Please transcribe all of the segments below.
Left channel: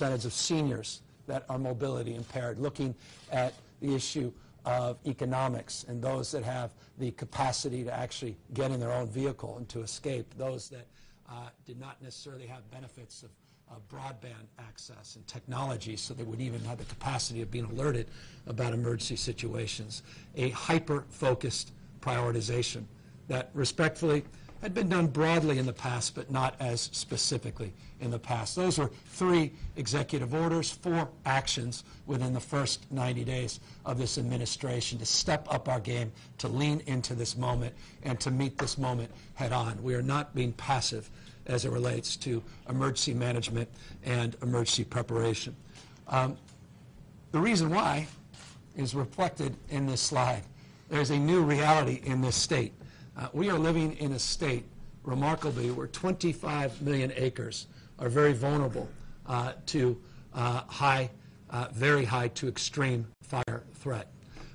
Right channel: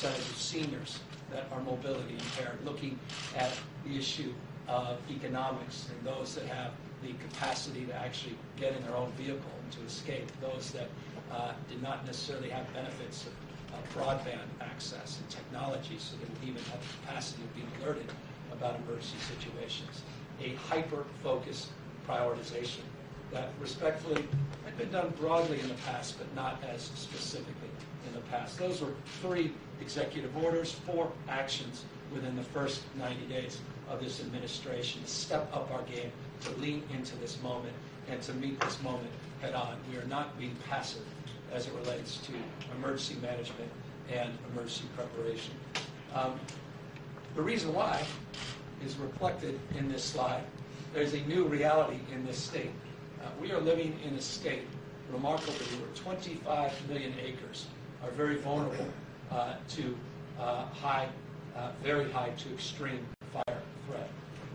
percentage of seniors that are mobility impaired, looking at the issue of economics and those that have the capacity to actually get in their own vehicle and to escape, those that did not necessarily have benefits of broadband access and technology so they would even have the capacity of being alerted about emergency situations. A hyper-focused prioritization that respectfully had been done broadly in the past, but not as specifically in the past. Those were 3 executive orders, 4 actions within the first 90 days of this administration to step up our game, to lean into this moment, and to meet this moment head on. We are not being passive as it relates to emergency management and emergency preparation. The reason why is reflected in this slide. There's a new reality in this state. We are living in a state, remarkably, where 25 million acres are very vulnerable to very high to extreme fire threat.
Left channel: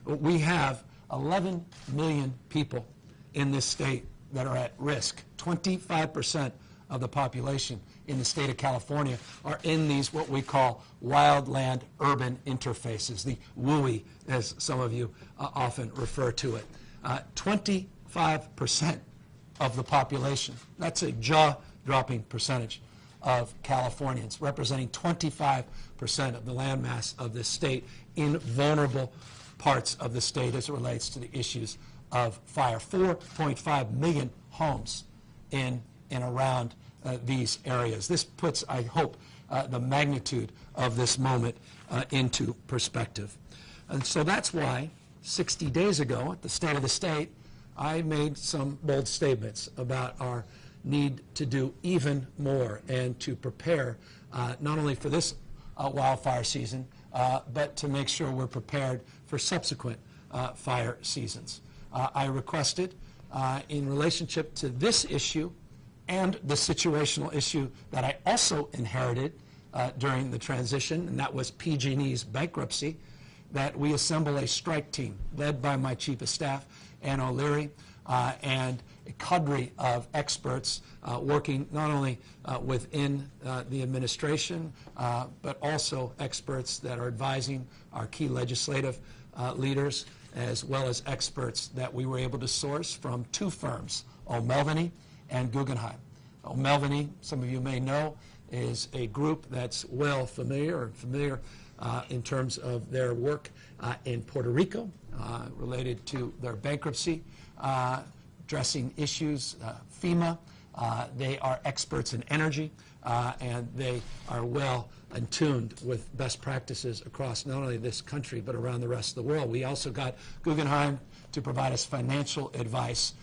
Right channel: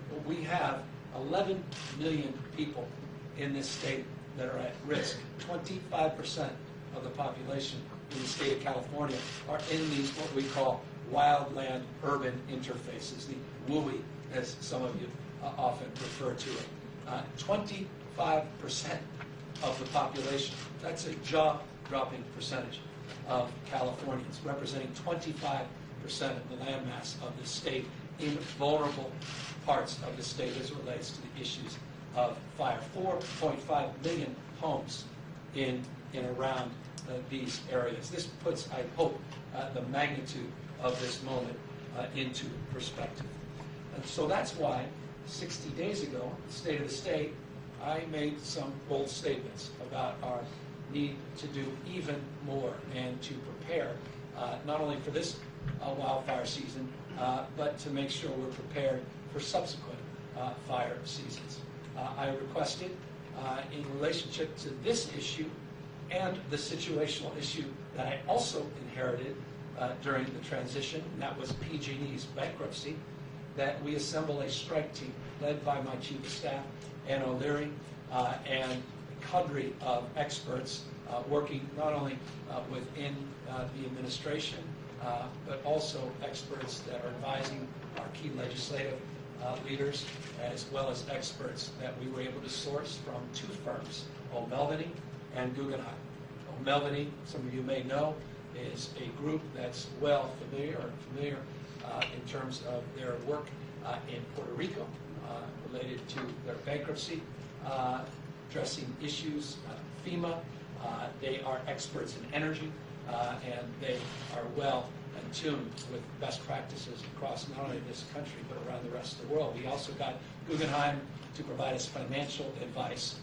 But we have 11 million people in this state that are at risk. 25% of the population in the state of California are in these what we call wildland urban interfaces, the WUI, as some of you often refer to it. 25% of the population. That's a jaw-dropping percentage of Californians, representing 25% of the landmass of this state in vulnerable parts of the state as it relates to the issues of fire. 4.5 million homes in and around these areas. This puts, I hope, the magnitude of this moment into perspective. And so that's why 60 days ago at the State of the State, I made some bold statements about our need to do even more and to prepare not only for this wildfire season, but to make sure we're prepared for subsequent fire seasons. I requested in relationship to this issue and the situational issue that I also inherited during the transition, and that was PG&E's bankruptcy, that we assemble a strike team led by my Chief of Staff, Ann O'Leary, and a cadre of experts working not only within the administration, but also experts that are advising our key legislative leaders, as well as experts that we were able to source from 2 firms, O'Melveny and Guggenheim. O'Melveny, some of you may know, is a group that's well familiar in terms of their work in Puerto Rico related to their bankruptcy, addressing issues, FEMA. They are experts in energy, and they are well in tune with best practices across not only this country but around the rest of the world. We also got Guggenheim to provide us financial advice,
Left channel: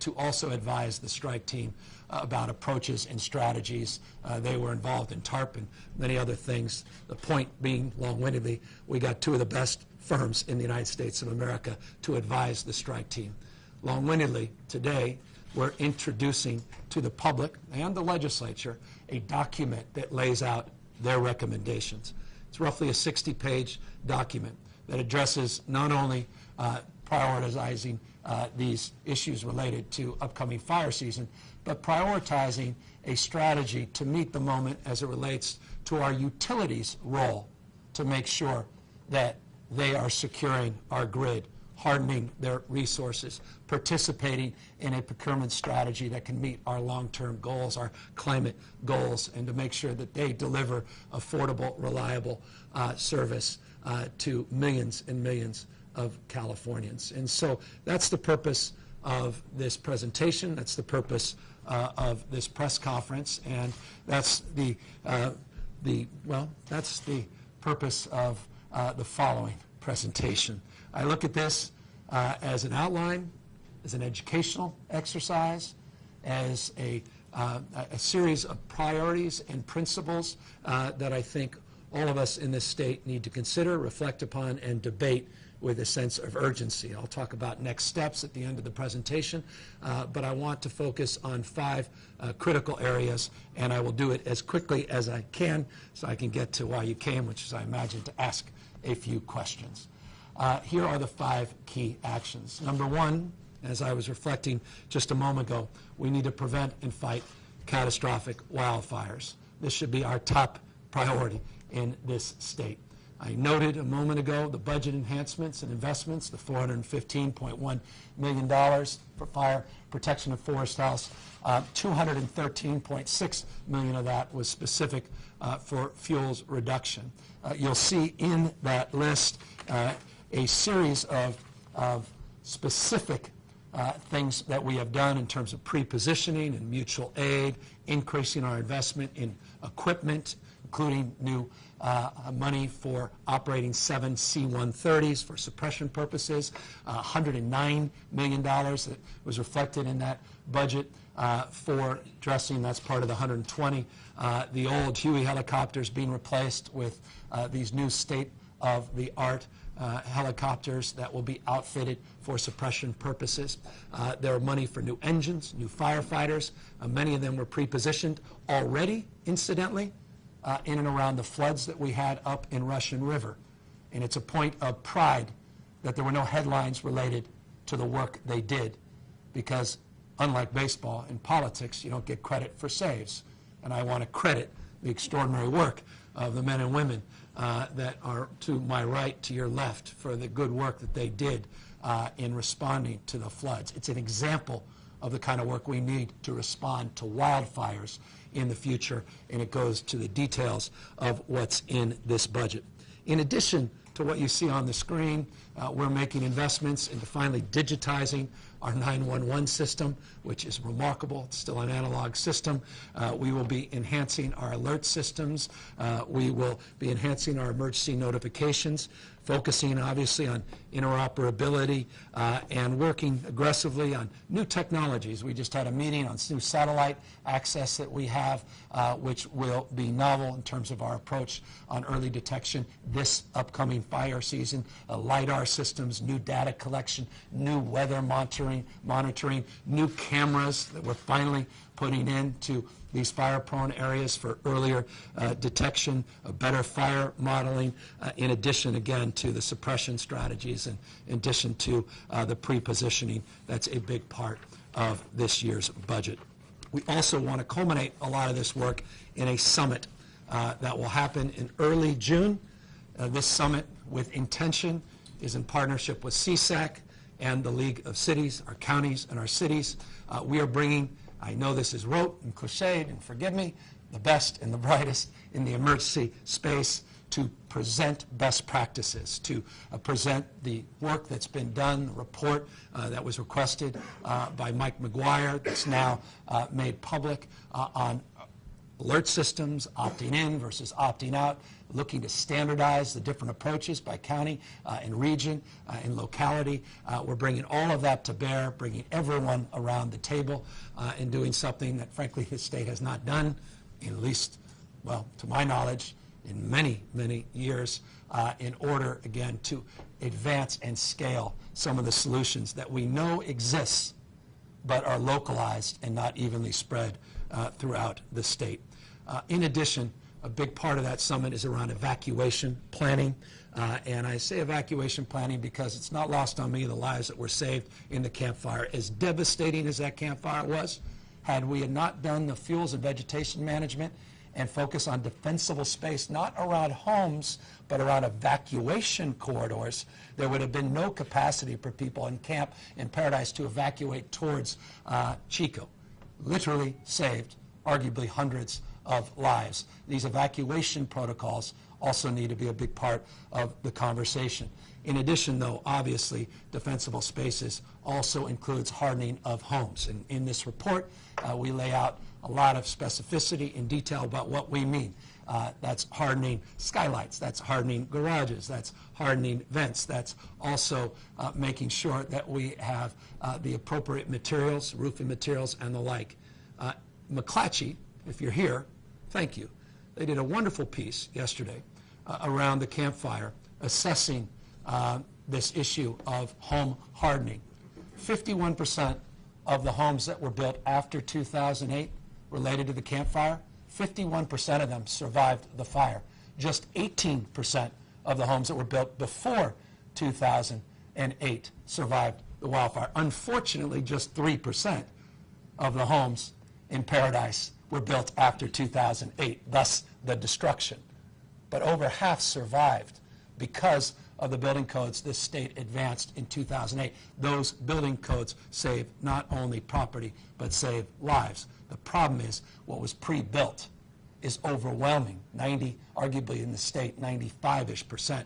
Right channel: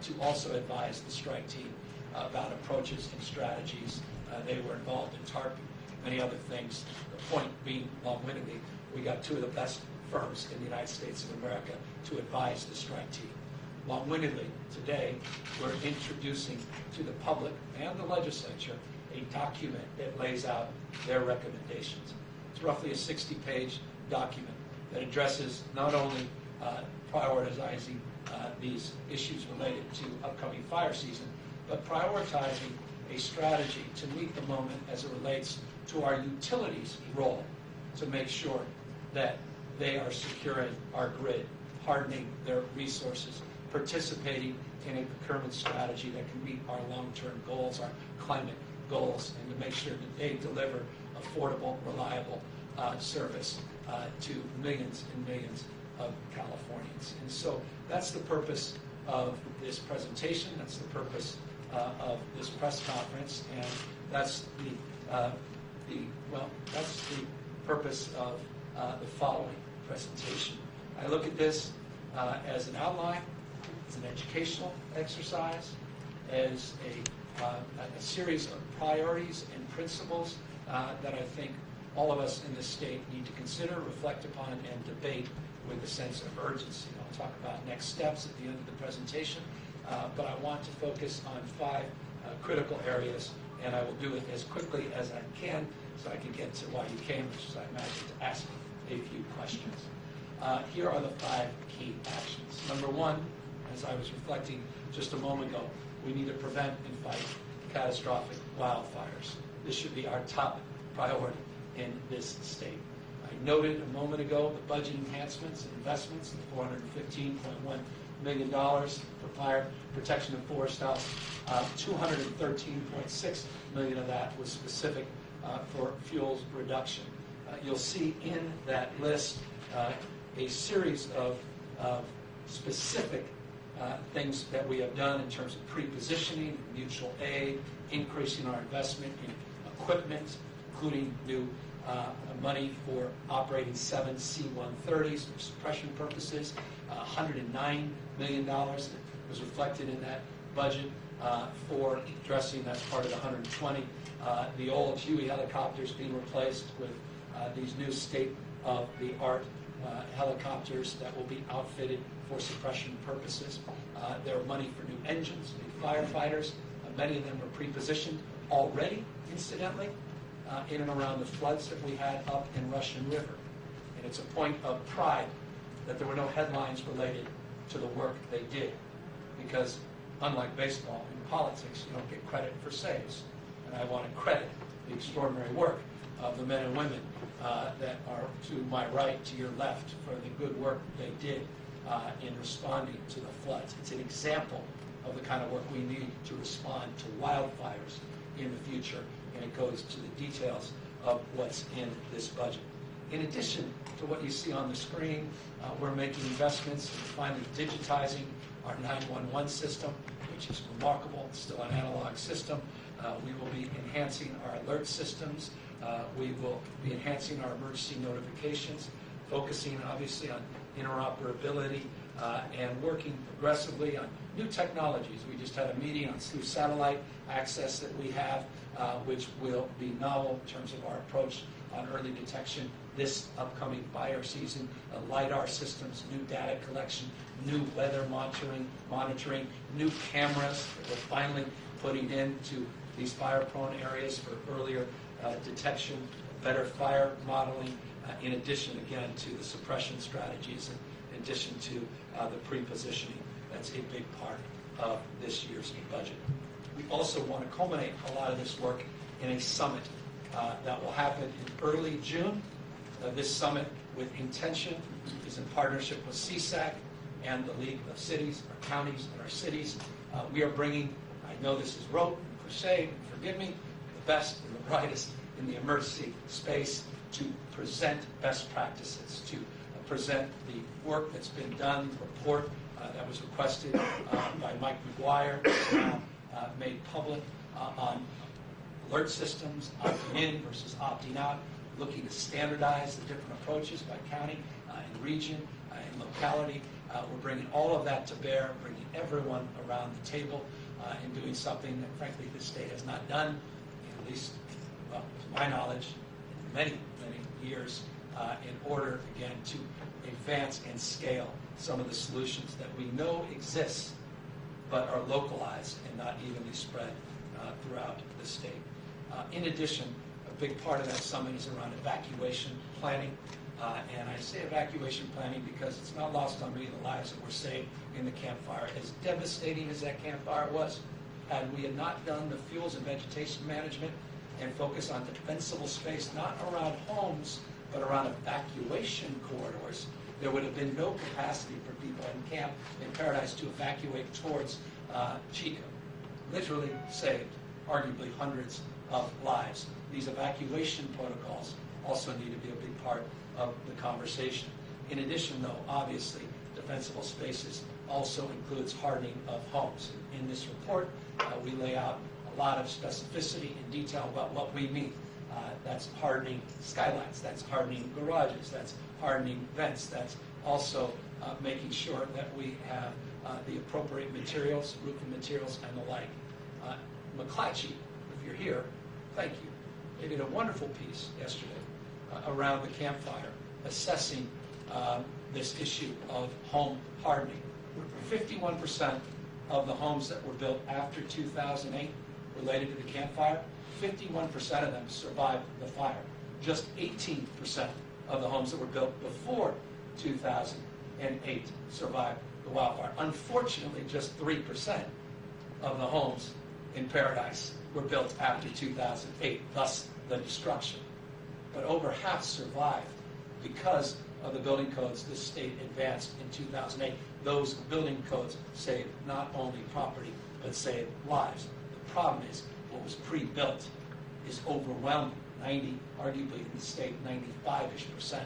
to also advise the strike team about approaches and strategies. They were involved in TARP and many other things. The point being, long-windedly, we got 2 of the best firms in the United States of America to advise the strike team. Long-windedly, today, we're introducing to the public and the legislature a document that lays out their recommendations. It's roughly a 60-page document that addresses not only prioritizing these issues related to upcoming fire season, but prioritizing a strategy to meet the moment as it relates to our utilities' role to make sure that they are securing our grid, hardening their resources, participating in a procurement strategy that can meet our long-term goals, our climate goals, and to make sure that they deliver affordable, reliable service to millions and millions of Californians. And so that's the purpose of this presentation. That's the purpose of this press conference, and that's the purpose of the following presentation. I look at this as an outline, as an educational exercise, as a series of priorities and principles that I think all of us in this state need to consider, reflect upon, and debate with a sense of urgency. I'll talk about next steps at the end of the presentation, but I want to focus on 5 critical areas, and I will do it as quickly as I can so I can get to why you came, which is, I imagine, to ask a few questions. Here are the 5 key actions. Number 1, as I was reflecting just a moment ago, we need to prevent and fight catastrophic wildfires. This should be our top priority in this state. I noted a moment ago the budget enhancements and investments, the $415.1 million for fire protection and forest health. 213.6 million of that was specific for fuels reduction. You'll see in that list a series of specific things that we have done in terms of pre-positioning and mutual aid, increasing our investment in equipment, including new money for operating 7 C-130s for suppression purposes, $109 million that was reflected in that budget for addressing, that's part of the 120, the old Huey helicopters being replaced with these new state-of-the-art helicopters that will be outfitted for suppression purposes. There are money for new engines, new firefighters. Many of them were pre-positioned already, incidentally, in and around the floods that we had up in Russian River. And it's a point of pride that there were no headlines related to the work they did, because unlike baseball, in politics, you don't get credit for saves. And I want to credit the extraordinary work of the men and women that are to my right, to your left, for the good work that they did in responding to the floods. It's an example of the kind of work we need to respond to wildfires in the future, and it goes to the details of what's in this budget. In addition to what you see on the screen, we're making investments into finally digitizing our 911 system, which is remarkable. It's still an analog system. We will be enhancing our alert systems. We will be enhancing our emergency notifications, focusing obviously on interoperability and working aggressively on new technologies. We just had a meeting on new satellite access that we have, which will be novel in terms of our approach on early detection this upcoming fire season. LiDAR systems, new data collection, new weather monitoring, new cameras that we're finally putting into these fire-prone areas for earlier detection, better fire modeling, in addition, again, to the suppression strategies, and in addition to the pre-positioning. That's a big part of this year's budget. We also want to culminate a lot of this work in a summit that will happen in early June. This summit, with intention, is in partnership with CSAC and the League of Cities, our counties and our cities. We are bringing, I know this is rote and cliched, and forgive me, the best and the brightest in the emergency space to present best practices, to present the work that's been done, the report that was requested by Mike McGuire, that's now made public on alert systems, opting in versus opting out, looking to standardize the different approaches by county and region and locality. We're bringing all of that to bear, bringing everyone around the table and doing something that, frankly, the state has not done, in at least, well, to my knowledge, in many, many years, in order, again, to advance and scale some of the solutions that we know exist but are localized and not evenly spread throughout the state. In addition, a big part of that summit is around evacuation planning. And I say evacuation planning because it's not lost on me the lives that were saved in the Camp Fire. As devastating as that Camp Fire was, had we not done the fuels and vegetation management and focus on defensible space, not around homes, but around evacuation corridors, there would have been no capacity for people in Camp in Paradise to evacuate towards Chico. Literally saved, arguably, hundreds of lives. These evacuation protocols also need to be a big part of the conversation. In addition, though, obviously, defensible spaces also includes hardening of homes. And in this report, we lay out a lot of specificity and detail about what we mean. That's hardening skylights, that's hardening garages, that's hardening vents, that's also making sure that we have the appropriate materials, roofing materials, and the like. McClatchy, if you're here, thank you. They did a wonderful piece yesterday around the Camp Fire, assessing this issue of home hardening. 51% of the homes that were built after 2008 related to the Camp Fire, 51% of them survived the fire. Just 18% of the homes that were built before 2008 survived the wildfire. Unfortunately, just 3% of the homes in Paradise were built after 2008, thus the destruction. but over half survived because of the building codes this state advanced in 2008. Those building codes saved not only property, but saved lives. The problem is what was pre-built is overwhelming. Arguably in the state, 95-ish%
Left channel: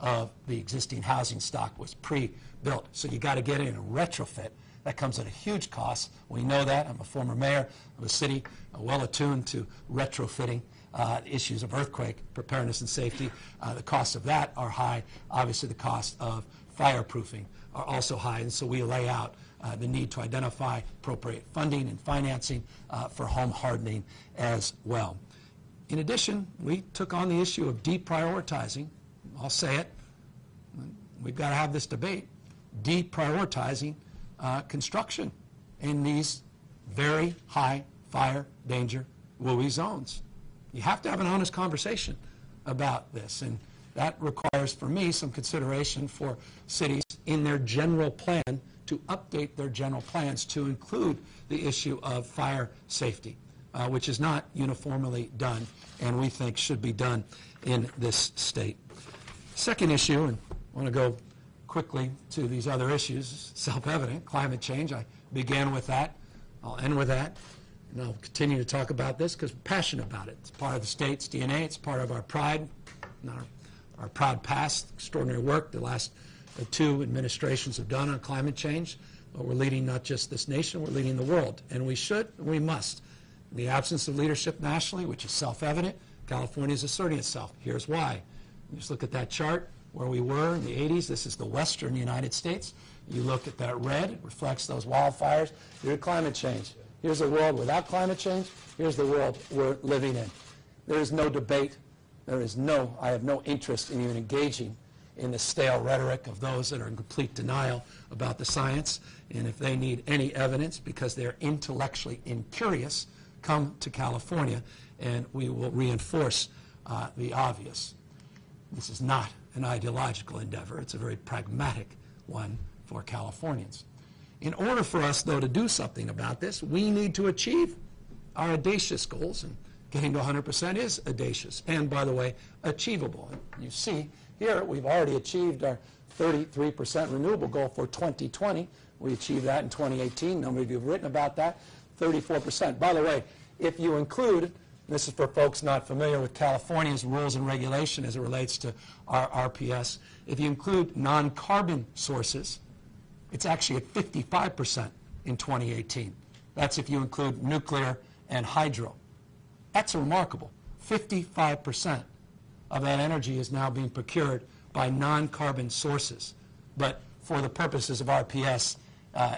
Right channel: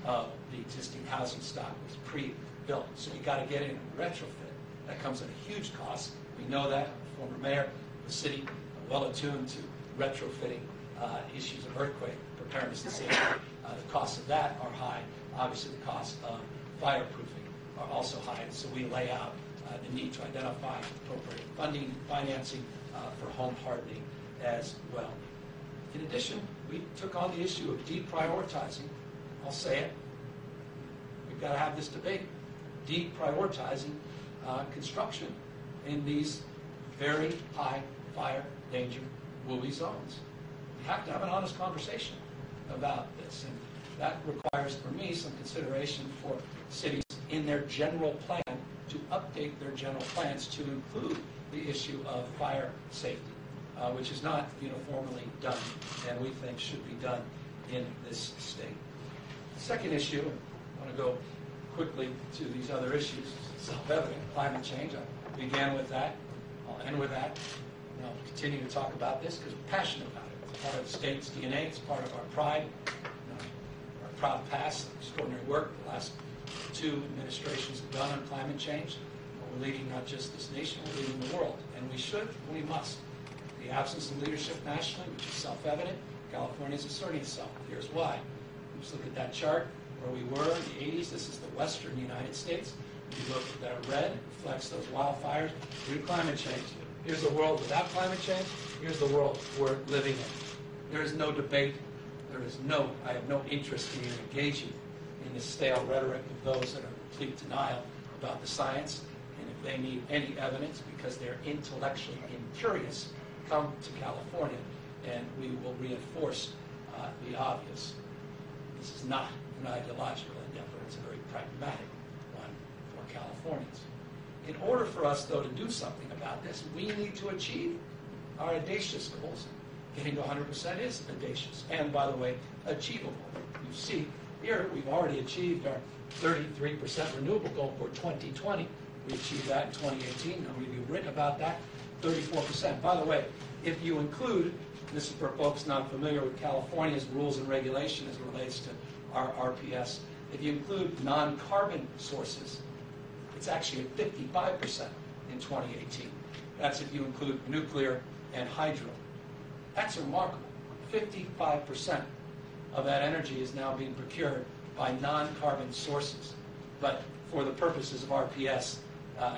of the existing housing stock was pre-built. So you got to get it in a retrofit. That comes at a huge cost. We know that. I'm a former mayor of the city, well attuned to retrofitting issues of earthquake preparedness and safety. The costs of that are high. Obviously, the cost of fireproofing are also high, and so we lay out the need to identify appropriate funding and financing for home hardening as well. In addition, we took on the issue of deprioritizing. I'll say it. We've got to have this debate. Deprioritizing construction in these very high fire danger WUI zones. You have to have an honest conversation about this, and that requires, for me, some consideration for cities in their general plan to update their general plans to include the issue of fire safety, which is not uniformly done, and we think should be done in this state. Second issue, and I want to go quickly to these other issues, self-evident, climate change. I began with that. I'll end with that. And I'll continue to talk about this because we're passionate about it. It's part of the state's DNA. It's part of our pride, our proud past, extraordinary work the last two administrations have done on climate change. But we're leading not just this nation, we're leading the world. And we should, we must. In the absence of leadership nationally, which is self-evident, California is asserting itself. Here's why. Just look at that chart where we were in the 80s. This is the western United States. You look at that red, it reflects those wildfires. Here's climate change. Here's a world without climate change. Here's the world we're living in. There is no debate. I have no interest in engaging in the stale rhetoric of those that are in complete denial about the science. And if they need any evidence because they're intellectually incurious, come to California and we will reinforce the obvious. This is not an ideological endeavor. It's a very pragmatic one for Californians. In order for us, though, to do something about this, we need to achieve our audacious goals. And getting to 100% is audacious and, by the way, achievable. You see here, we've already achieved our 33% renewable goal for 2020. We achieved that in 2018. Number of you have written about that, 34%. By the way, if you include, this is for folks not familiar with California's rules and regulation as it relates to our RPS, if you include non-carbon sources, it's actually at 55% in 2018. That's if you include nuclear and hydro. That's remarkable. 55% of that energy is now being procured by non-carbon sources. But for the purposes of RPS,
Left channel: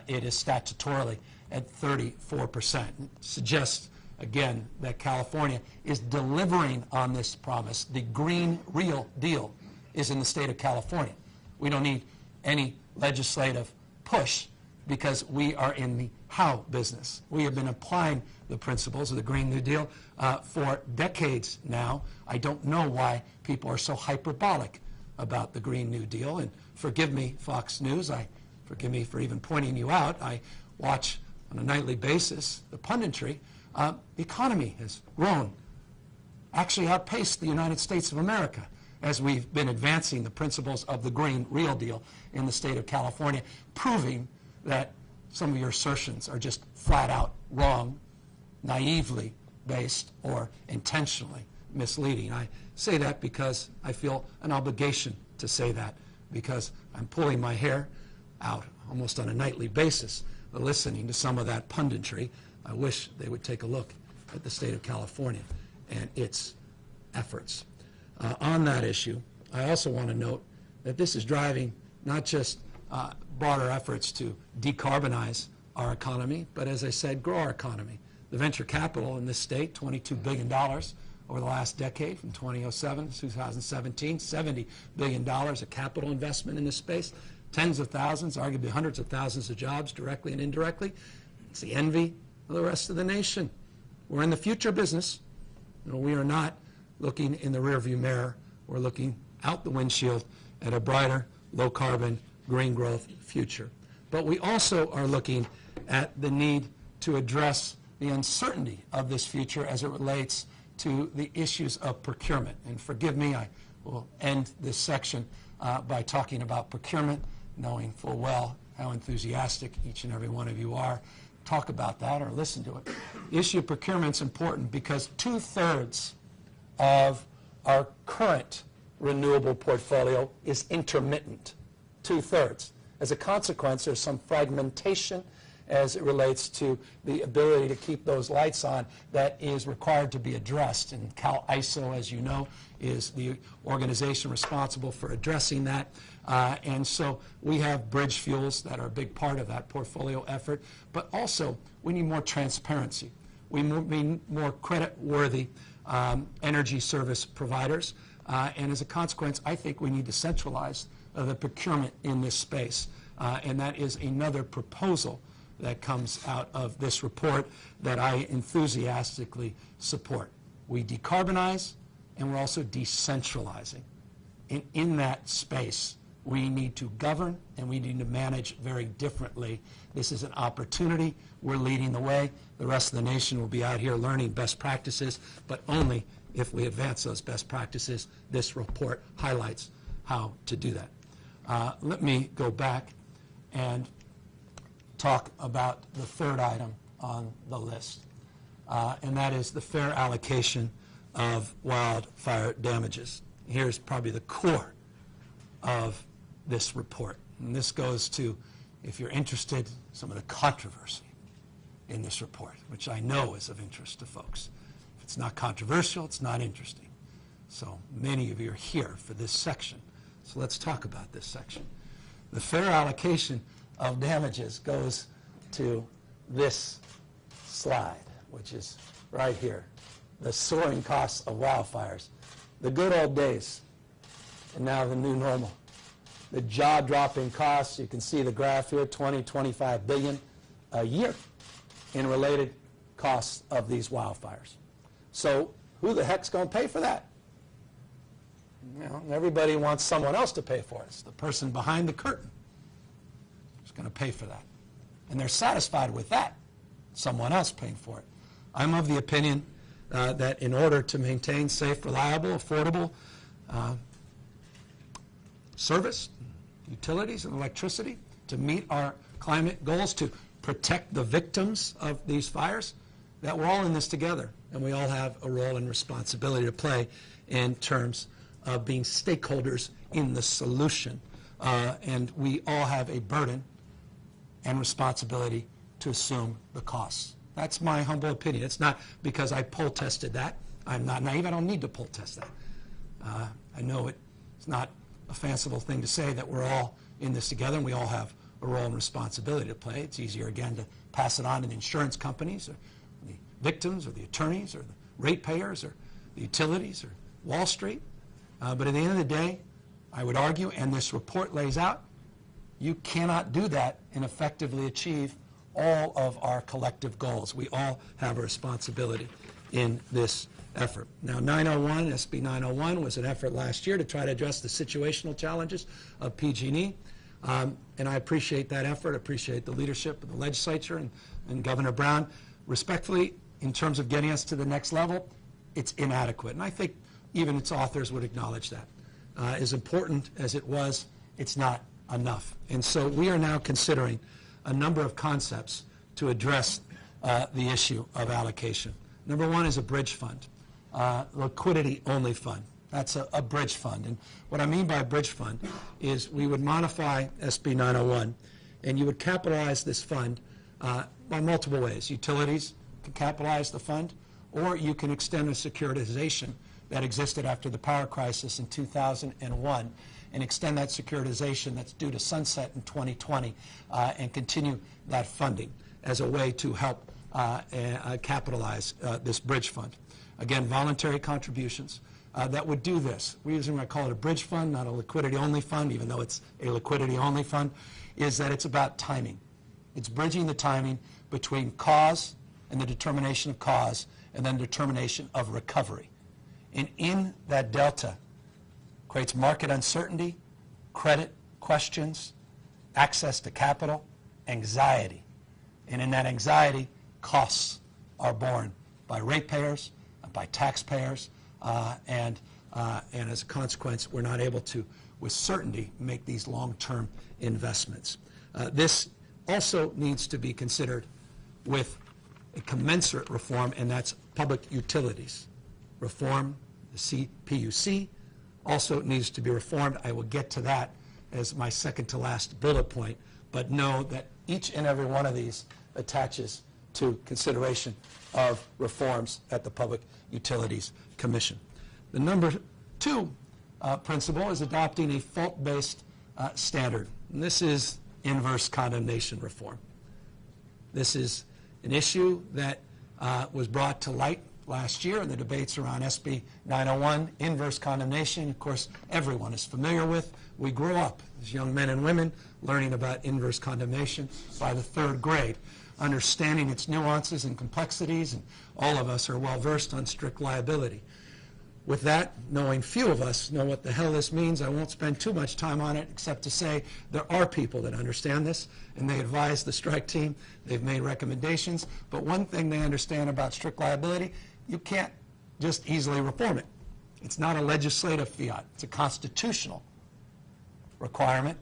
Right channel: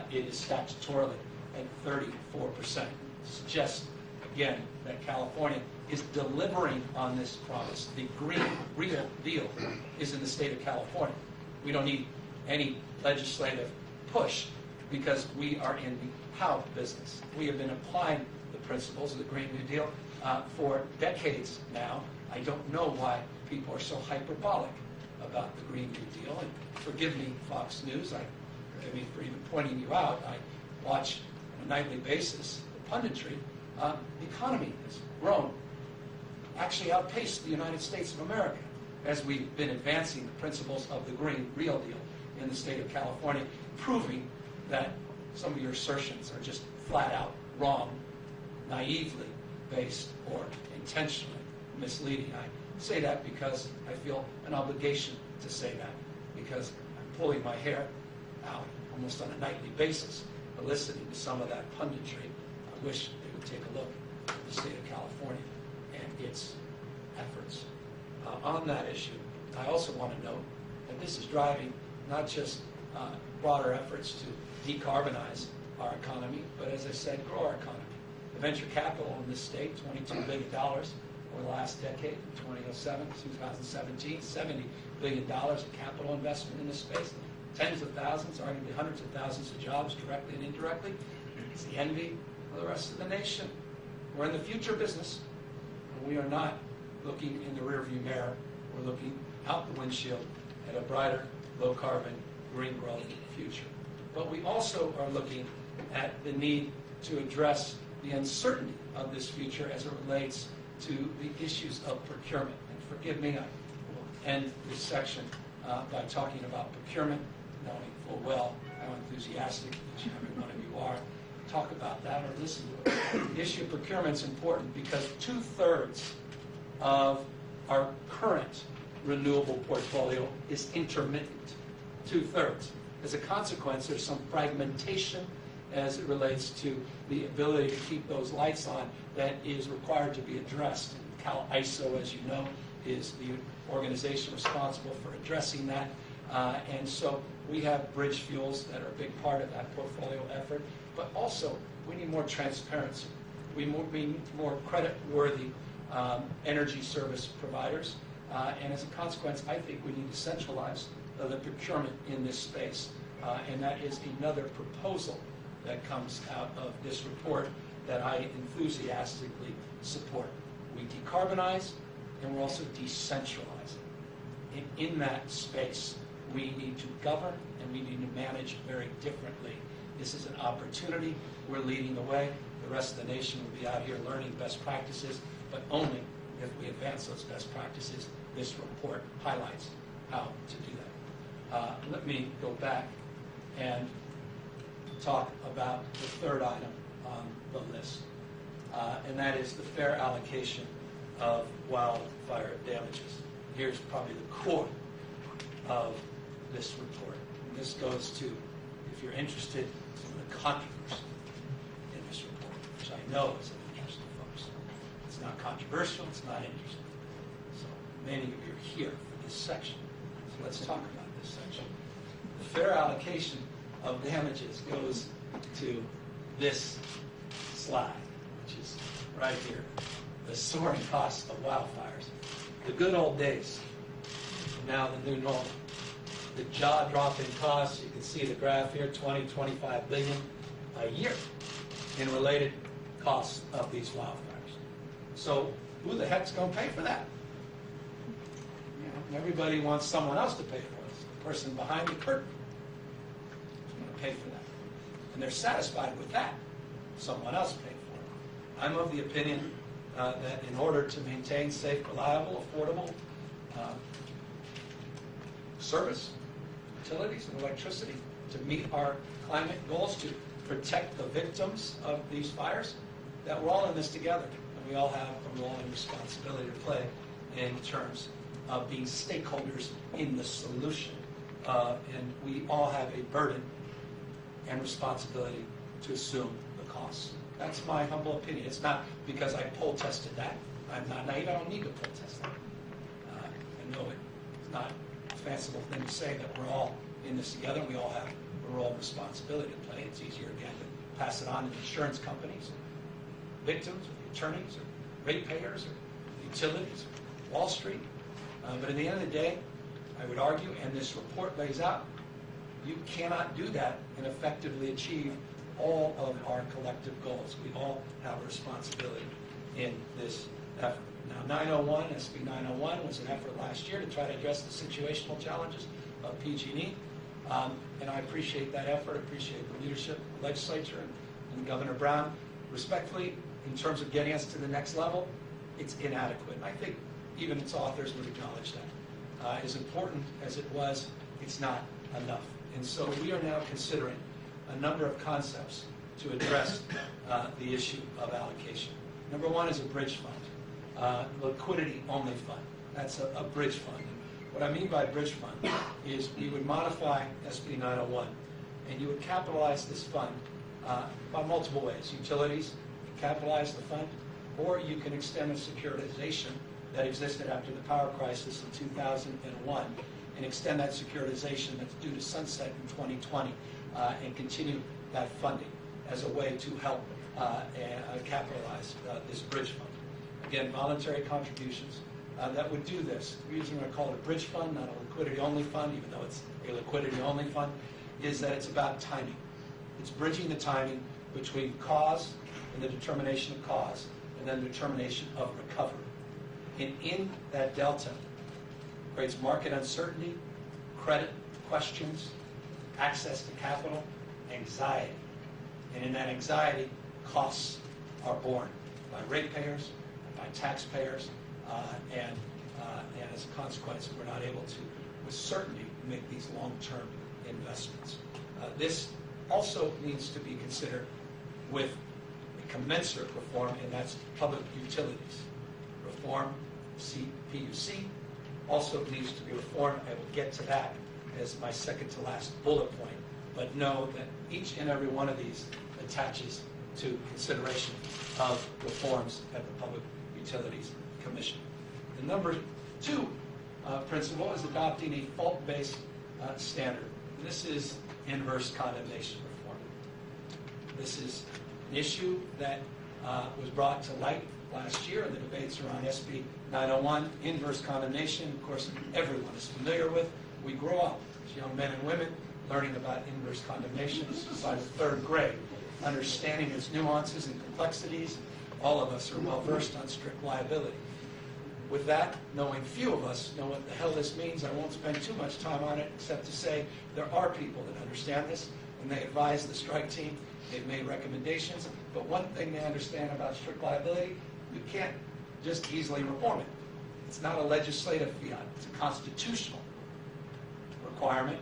it is statutorily at 34%. It suggests, again, that California is delivering on this promise. The Green Real Deal is in the state of California. We don't need any legislative push because we are in the how business. We have been applying the principles of the Green New Deal for decades now. I don't know why people are so hyperbolic about the Green New Deal. And forgive me, Fox News, forgive me for even pointing you out. I watch on a nightly basis the punditry. The economy has grown, actually outpaced the United States of America as we've been advancing the principles of the Green Real Deal in the state of California, proving that some of your assertions are just flat out wrong, naively based, or intentionally misleading. I say that because I feel an obligation to say that, because I'm pulling my hair out almost on a nightly basis listening to some of that punditry. I wish they would take a look at the state of California and its efforts. On that issue, I also want to note that this is driving not just broader efforts to decarbonize our economy, but as I said, grow our economy. The venture capital in this state, $22 billion over the last decade, from 2007 to 2017, $70 billion of capital investment in this space, tens of thousands, arguably hundreds of thousands of jobs directly and indirectly. It's the envy of the rest of the nation. We're in the future business. We are not looking in the rearview mirror. We're looking out the windshield at a brighter, low-carbon, green growth future. But we also are looking at the need to address the uncertainty of this future as it relates to the issues of procurement. And forgive me, I will end this section by talking about procurement, knowing full well how enthusiastic each and every one of you are. Talk about that or listen to it. The issue of procurement is important because 2/3 of our current renewable portfolio is intermittent. 2/3. As a consequence, there's some fragmentation as it relates to the ability to keep those lights on that is required to be addressed. And CalISO, as you know, is the organization responsible for addressing that. And so we have bridge fuels that are a big part of that portfolio effort, but also we need more transparency. We need more credit-worthy energy service providers. And as a consequence, I think we need to centralize the procurement in this space. And that is another proposal that comes out of this report that I enthusiastically support. We decarbonize, and we're also decentralizing. In that space, we need to govern, and we need to manage very differently. This is an opportunity. We're leading the way. The rest of the nation will be out here learning best practices, but only if we advance those best practices. This report highlights how to do that. Let me go back and talk about the third item on the list, and that is the fair allocation of wildfire damages. Here's probably the core of this report, and this goes to, if you're interested, some of the controversy in this report, which I know is of interest to folks. If it's not controversial, it's not interesting. So many of you are here for this section, so let's talk about this section. The fair allocation of damages goes to this slide, which is right here. The soaring costs of wildfires. The good old days, and now the new normal. The jaw-dropping costs, you can see the graph here, 20, 25 billion a year in related costs of these wildfires. So who the heck's going to pay for that? You know, everybody wants someone else to pay for it. It's the person behind the curtain who's going to pay for that. And they're satisfied with that. Someone else paid for it. I'm of the opinion that in order to maintain safe, reliable, affordable service, utilities, and electricity, to meet our climate goals, to protect the victims of these fires, that we're all in this together, and we all have a role and responsibility to play in terms of being stakeholders in the solution. And we all have a burden and responsibility to assume the costs. That's my humble opinion. It's not because I poll tested that. I'm not naive. I don't need to poll test that. I know it's not a fanciful thing to say that we're all in this together and we all have a role and responsibility to play. It's easier, again, to pass it on to the insurance companies or the victims or the attorneys or the ratepayers or the utilities or Wall Street. But at the end of the day, I would argue, and this report lays out, you cannot do that and effectively achieve all of our collective goals. We all have a responsibility in this effort. Now, 901, SB 901, was an effort last year to try to address the situational challenges of PG&E. And I appreciate that effort, appreciate the leadership of the legislature and Governor Brown. Respectfully, in terms of getting us to the next level, it's inadequate. And I think even its authors would acknowledge that. As important as it was, it's not enough. And so we are now considering a number of concepts to address the issue of allocation. Number one is a bridge fund, liquidity-only fund. That's a bridge fund. And what I mean by a bridge fund is we would modify SB 901, and you would capitalize this fund by multiple ways. Utilities can capitalize the fund, or you can extend the securitization that existed after the power crisis in 2001 and extend that securitization that's due to sunset in 2020 and continue that funding as a way to help capitalize this bridge fund. Again, voluntary contributions that would do this. The reason I call it a bridge fund, not a liquidity-only fund, even though it's a liquidity-only fund, is that it's about timing. It's bridging the timing between cause and the determination of cause and then determination of recovery. And in that delta creates market uncertainty, credit questions, access to capital, anxiety. And in that anxiety, costs are borne by ratepayers, by taxpayers, and as a consequence, we're not able to, with certainty, make these long-term investments. This also needs to be considered with a commensurate reform, and that's public utilities. Reform, CPUC, also needs to be reformed. I will get to that as my second to last bullet point, but know that each and every one of these attaches to consideration of reforms at the Public Utilities Commission. The number two principle is adopting a fault-based standard. And this is inverse condemnation reform. This is an issue that was brought to light last year in the debates around SB 901, inverse condemnation. Of course, everyone is familiar with. We grew up as young men and women learning about inverse condemnation by the third grade, understanding its nuances and complexities, and all of us are well versed on strict liability. With that, knowing few of us know what the hell this means, I won't spend too much time on it except to say there are people that understand this, and they advise the strike team. They've made recommendations, but one thing they understand about strict liability, you can't just easily reform it. It's not a legislative fiat. It's a constitutional requirement,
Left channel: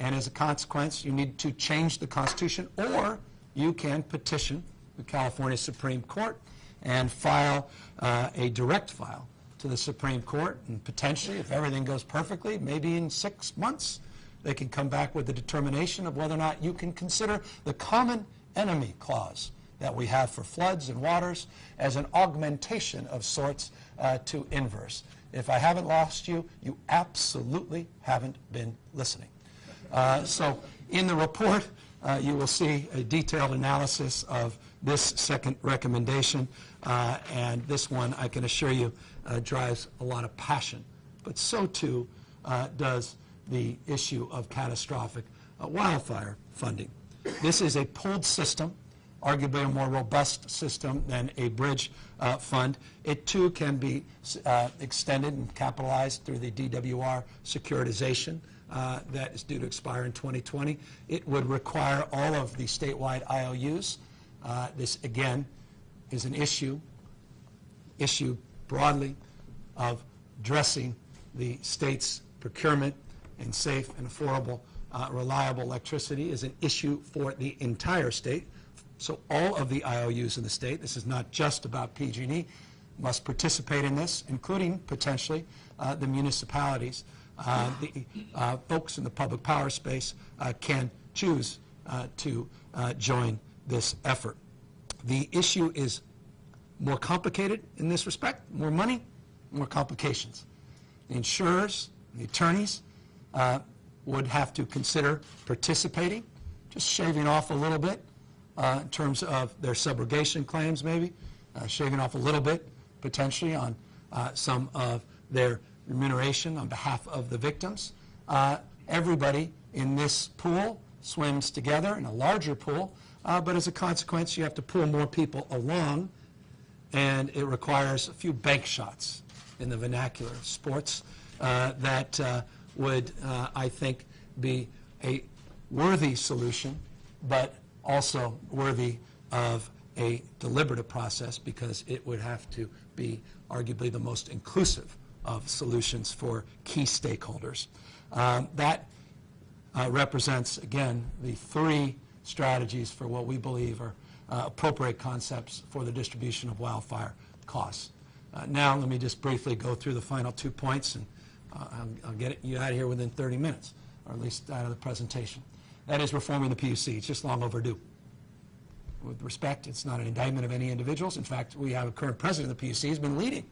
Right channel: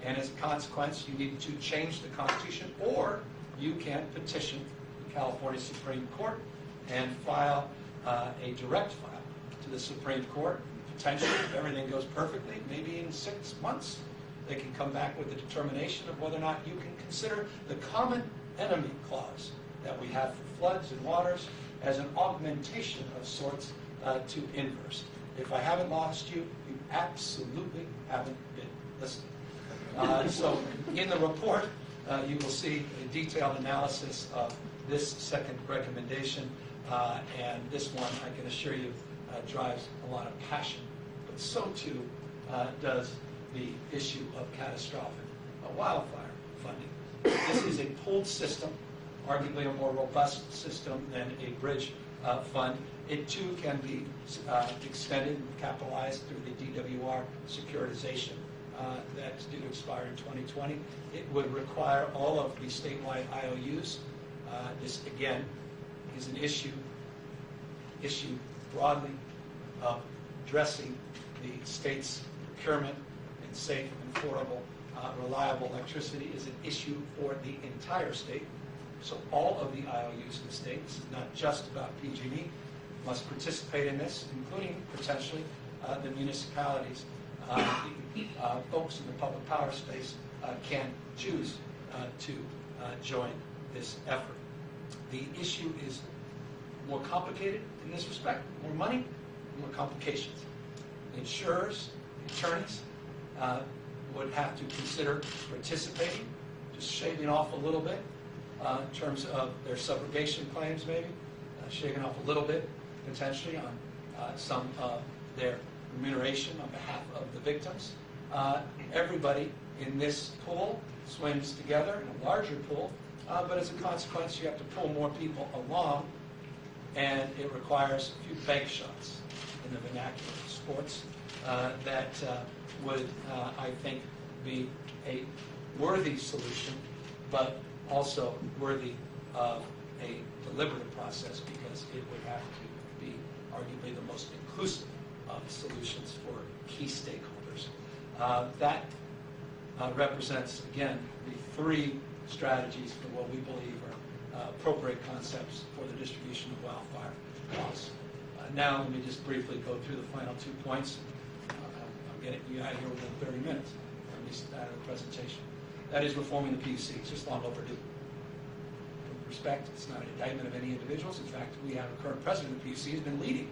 and as a consequence, you need to change the Constitution, or you can petition the California Supreme Court and file a direct file to the Supreme Court, and potentially, if everything goes perfectly, maybe in 6 months, they can come back with a determination of whether or not you can consider the common enemy clause that we have for floods and waters as an augmentation of sorts to inverse. If I haven't lost you, you absolutely haven't been listening. So in the report, you will see a detailed analysis of this second recommendation, and this one, I can assure you, drives a lot of passion. But so too does the issue of catastrophic wildfire funding. This is a pooled system, arguably a more robust system than a bridge fund. It too can be extended and capitalized through the DWR securitization that is due to expire in 2020. It would require all of the statewide IOUs. This, again, is an issue broadly of addressing the state's procurement and safe and affordable, reliable electricity is an issue for the entire state. So all of the IOUs in the state, this is not just about PG&E, must participate in this, including potentially the municipalities. The folks in the public power space can choose to join this effort. The issue is more complicated in this respect, more money, more complications. The insurers, the attorneys would have to consider participating, just shaving off a little bit in terms of their subrogation claims maybe, shaving off a little bit potentially on some of their remuneration on behalf of the victims. Everybody in this pool swims together in a larger pool, but as a consequence you have to pull more people along, and it requires a few bank shots in the vernacular of sports that would, I think, be a worthy solution, but also worthy of a deliberative process, because it would have to be arguably the most inclusive of solutions for key stakeholders. That represents, again, the three strategies for what we believe are appropriate concepts for the distribution of wildfire costs. Now let me just briefly go through the final 2 points, and I'll get you out of here within 30 minutes, or at least out of the presentation. That is reforming the PUC. It's just long overdue. With respect, it's not an indictment of any individuals. In fact, we have a current president of the PUC who's been leading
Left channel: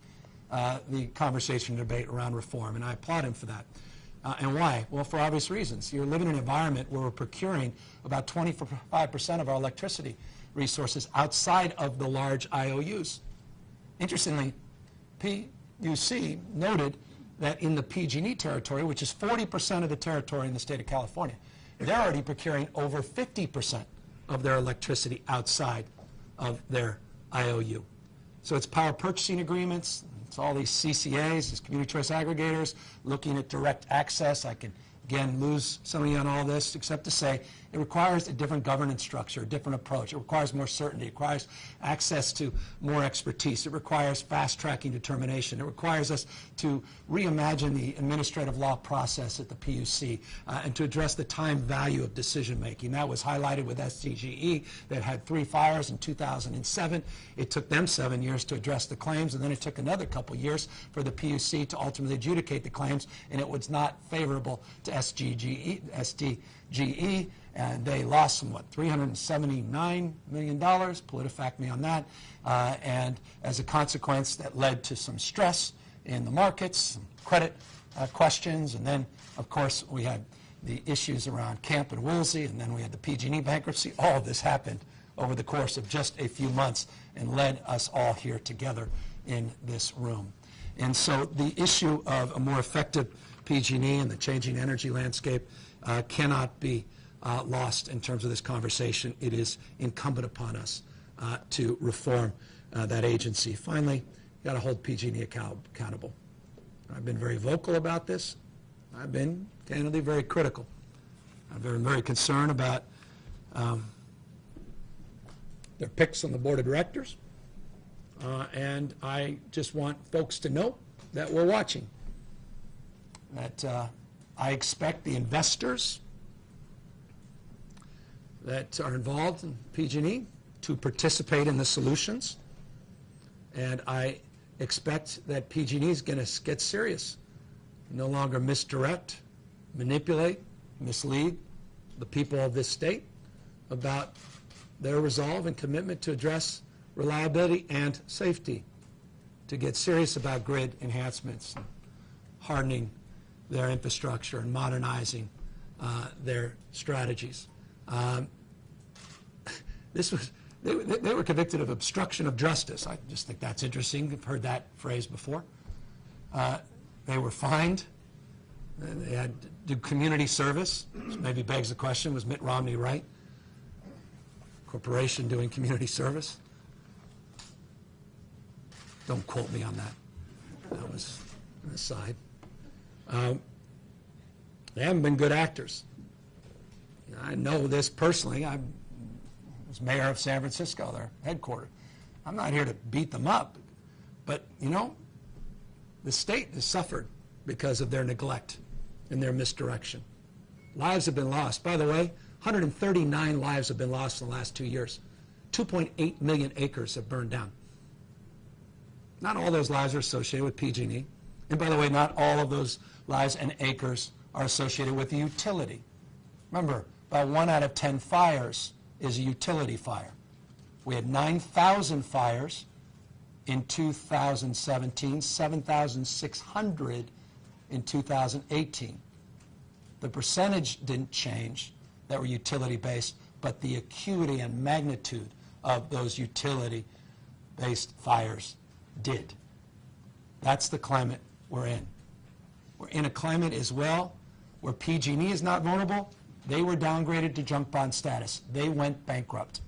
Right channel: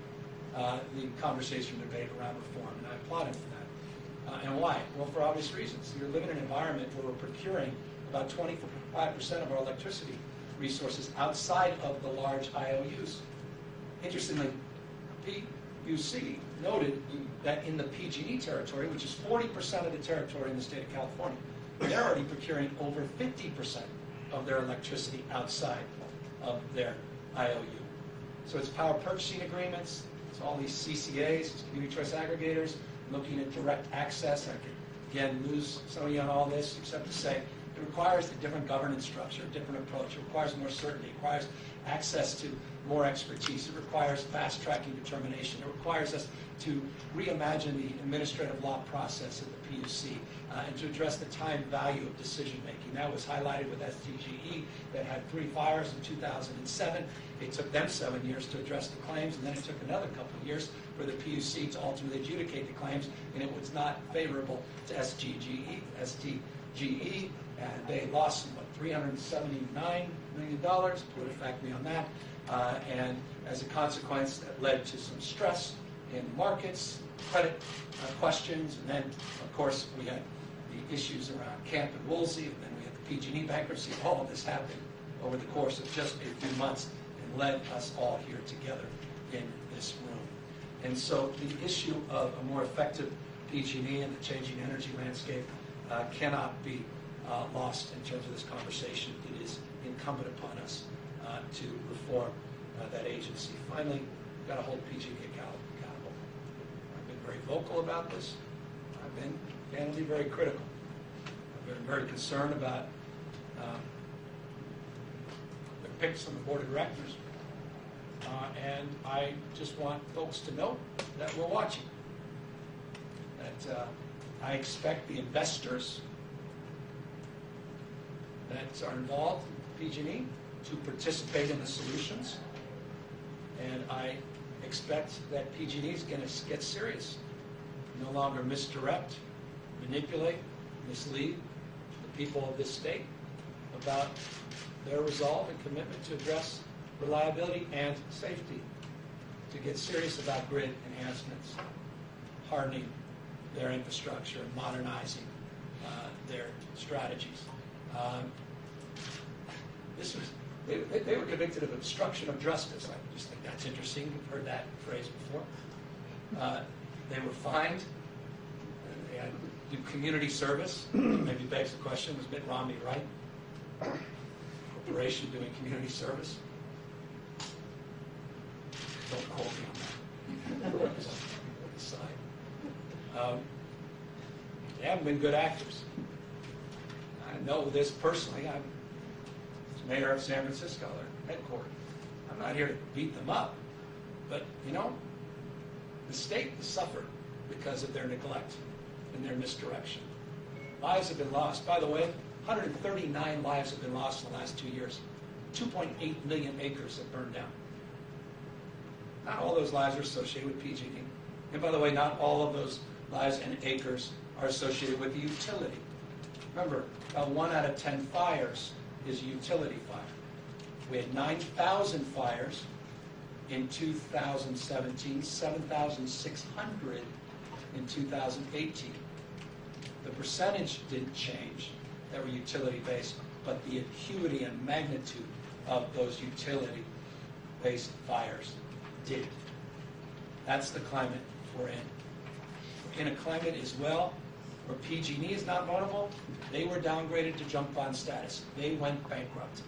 the conversation and debate around reform, and I applaud him for that. And why? Well, for obvious reasons. You're living in an environment where we're procuring about 25% of our electricity resources outside of the large IOUs. Interestingly, PUC noted that in the PG&E territory, which is 40% of the territory in the state of California, they're already procuring over 50% of their electricity outside of their IOU. So it's power purchasing agreements, it's all these CCAs, these community choice aggregators, looking at direct access. I could, again, lose some of you on all this, except to say It requires a different governance structure, a different approach. It requires more certainty. It requires access to more expertise. It requires fast-tracking determination. It requires us to reimagine the administrative law process at the PUC and to address the time value of decision-making. That was highlighted with SDGE that had 3 fires in 2007. It took them 7 years to address the claims, and then it took another couple years for the PUC to ultimately adjudicate the claims, and it was not favorable to SDGE, and they lost some, what, $379 million, PolitiFact me on that, and as a consequence that led to some stress in the markets, some credit questions, and then, of course, we had the issues around Camp and Woolsey, and then we had the PG&E bankruptcy. All of this happened over the course of just a few months and led us all here together in this room. And so the issue of a more effective PG&E and the changing energy landscape cannot be lost in terms of this conversation. It is incumbent upon us to reform that agency. Finally, got to hold PG&E accountable. I've been very vocal about this. I've been, candidly, very critical. I've been very concerned about their picks on the board of directors. And I just want folks to know that we're watching. That I expect the investors that are involved in PG&E to participate in the solutions. And I expect that PG&E is going to get serious, no longer misdirect, manipulate, mislead the people of this state about their resolve and commitment to address reliability and safety, to get serious about grid enhancements, hardening their infrastructure and modernizing their strategies. They were convicted of obstruction of justice. I just think that's interesting. I've heard that phrase before. They were fined. They had to do community service, which maybe begs the question, was Mitt Romney right? Corporation doing community service? Don't quote me on that. On this side. They haven't been good actors. I know this personally. I was mayor of San Francisco, their headquarters. I'm not here to beat them up, but, you know, the state has suffered because of their neglect and their misdirection. Lives have been lost. By the way, 139 lives have been lost in the last 2 years. 2.8 million acres have burned down. Not all those lives are associated with PG&E. And by the way, not all of those lives and acres are associated with the utility. Remember, about 1 out of 10 fires is a utility fire. We had 9,000 fires in 2017, 7,600 in 2018. The percentage didn't change that were utility-based, but the acuity and magnitude of those utility-based fires did. That's the climate we're in. We're in a climate as well where PG&E is not vulnerable. They were downgraded to junk bond status. They went bankrupt.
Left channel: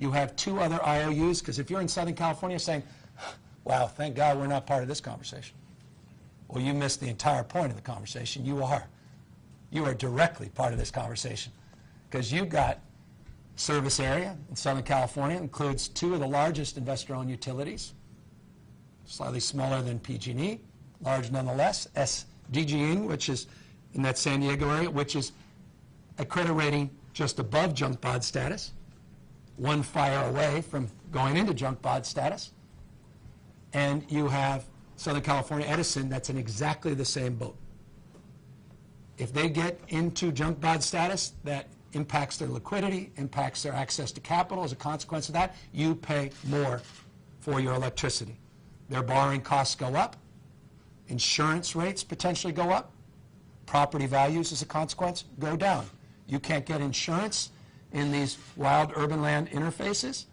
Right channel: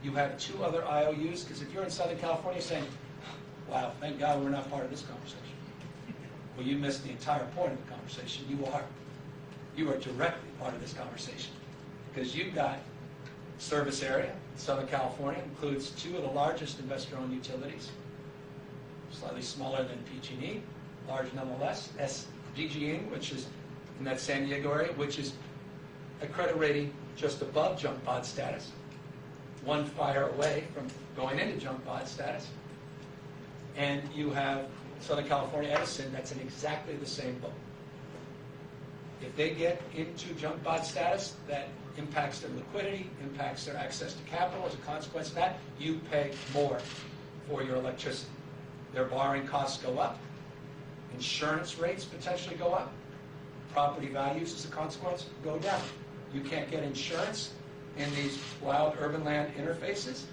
You have 2 other IOUs, because if you're in Southern California saying, wow, thank God we're not part of this conversation. Well, you missed the entire point of the conversation. You are. You are directly part of this conversation, because you've got service area in Southern California, includes 2 of the largest investor-owned utilities, slightly smaller than PG&E, large nonetheless. SDGE, which is in that San Diego area, which is a credit rating just above junk bond status, 1 fire away from going into junk bond status. And you have Southern California Edison that's in exactly the same boat. If they get into junk bond status, that impacts their liquidity, impacts their access to capital. As a consequence of that, you pay more for your electricity. Their borrowing costs go up. Insurance rates potentially go up. Property values, as a consequence, go down. You can't get insurance in these wild urban land interfaces.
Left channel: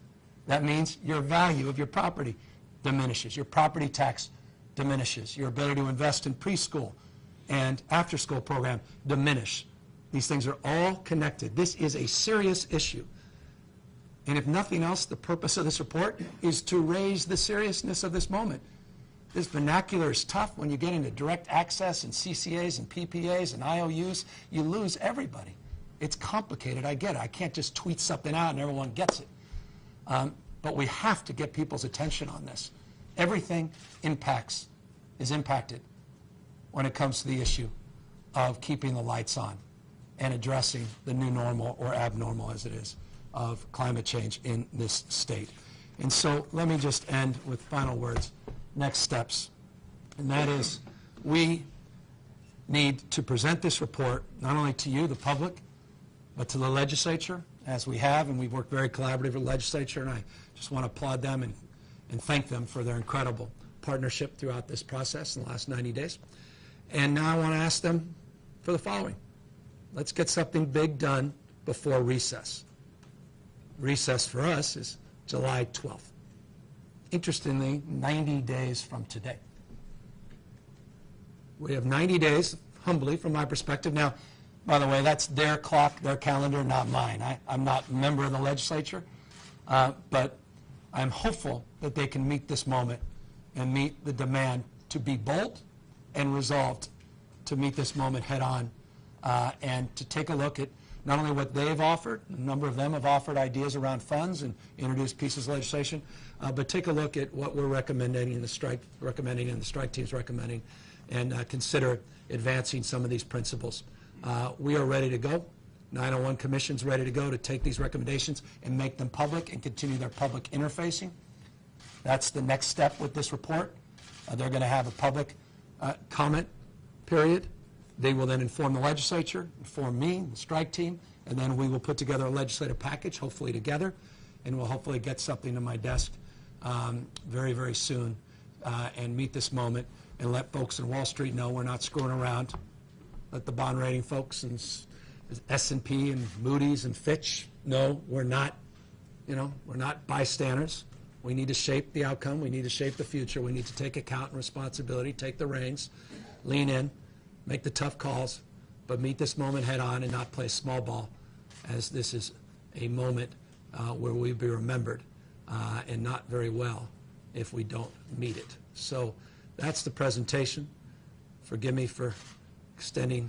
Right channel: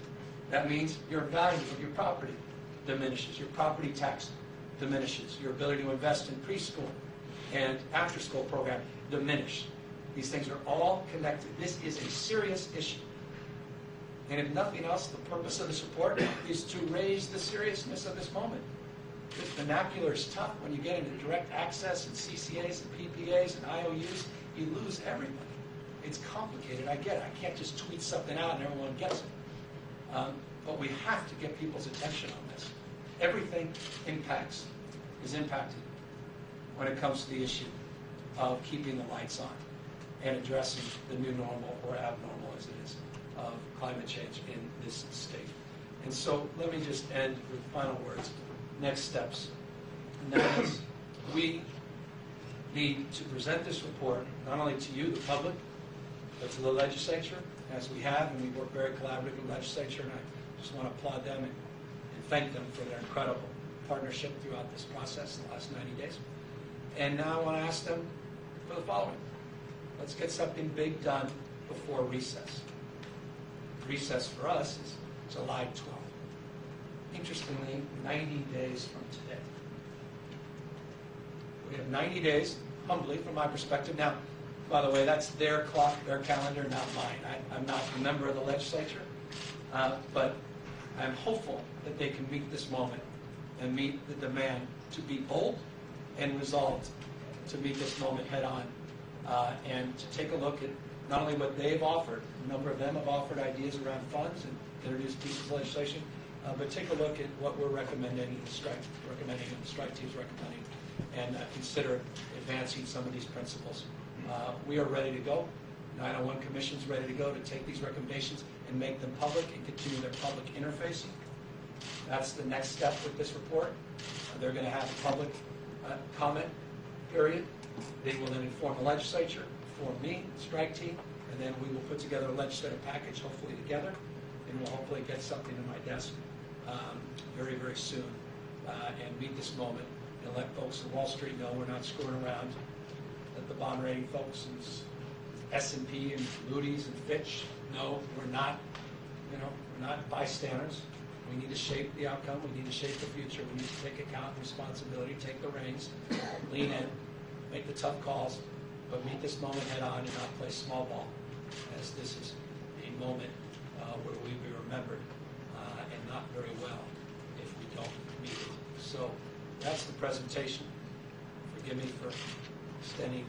That means your value of your property diminishes. Your property tax diminishes. Your ability to invest in preschool and after-school program diminish. These things are all connected. This is a serious issue. And if nothing else, the purpose of this report is to raise the seriousness of this moment. This vernacular is tough. When you get into direct access and CCAs and PPAs and IOUs, you lose everybody. It's complicated, I get it. I can't just tweet something out and everyone gets it. But we have to get people's attention on this. Everything is impacted when it comes to the issue of keeping the lights on and addressing the new normal, or abnormal as it is, of climate change in this state. And so let me just end with final words, next steps. And that is, we need to present this report not only to you, the public, but to the legislature, as we have, and we've worked very collaboratively with the legislature, and I just want to applaud them and thank them for their incredible partnership throughout this process in the last 90 days. And now I want to ask them for the following. Let's get something big done before recess. Recess for us is July 12th. Interestingly, 90 days from today. We have 90 days, humbly, from my perspective. Now, by the way, that's their clock, their calendar, not mine. I'm not a member of the legislature, but I'm hopeful that they can meet this moment and meet the demand to be bold and resolved to meet this moment head on, and to take a look at not only what they've offered, a number of them have offered ideas around funds and introduced pieces of legislation, but take a look at what we're recommending and the strike team's recommending, and consider advancing some of these principles. We are ready to go. 901 Commission's ready to go to take these recommendations and make them public and continue their public interfacing. That's the next step with this report. They're going to have a public comment period. They will then inform the legislature, inform me, the strike team, and then we will put together a legislative package, hopefully together, and we'll hopefully get something to my desk very, very soon, and meet this moment and let folks in Wall Street know we're not screwing around. Let the bond rating folks and S&P and Moody's and Fitch know we're not, we're not bystanders. We need to shape the outcome. We need to shape the future. We need to take account and responsibility, take the reins, lean in, make the tough calls, but meet this moment head on and not play small ball, as this is a moment where we'll be remembered, and not very well if we don't meet it. So that's the presentation. Forgive me for extending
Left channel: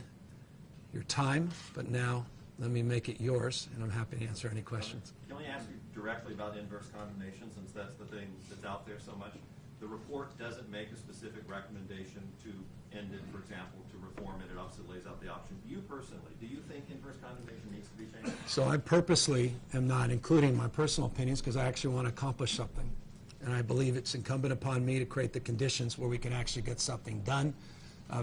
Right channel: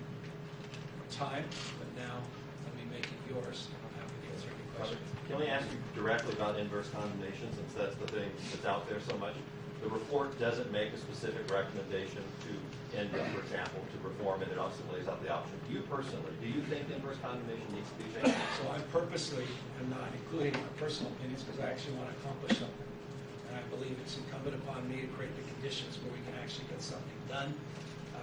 your time, but now let me make it yours, and I'm happy to answer any questions. Can we ask you directly about inverse condemnation, since that's the thing that's out there so much? The report doesn't make a specific recommendation to end it, for example, to reform it. It also lays out the option. You personally, do you think inverse condemnation needs to be changed? So I purposely am not including my personal opinions because I actually want to accomplish something. And I believe it's incumbent upon me to create the conditions where we can actually get something done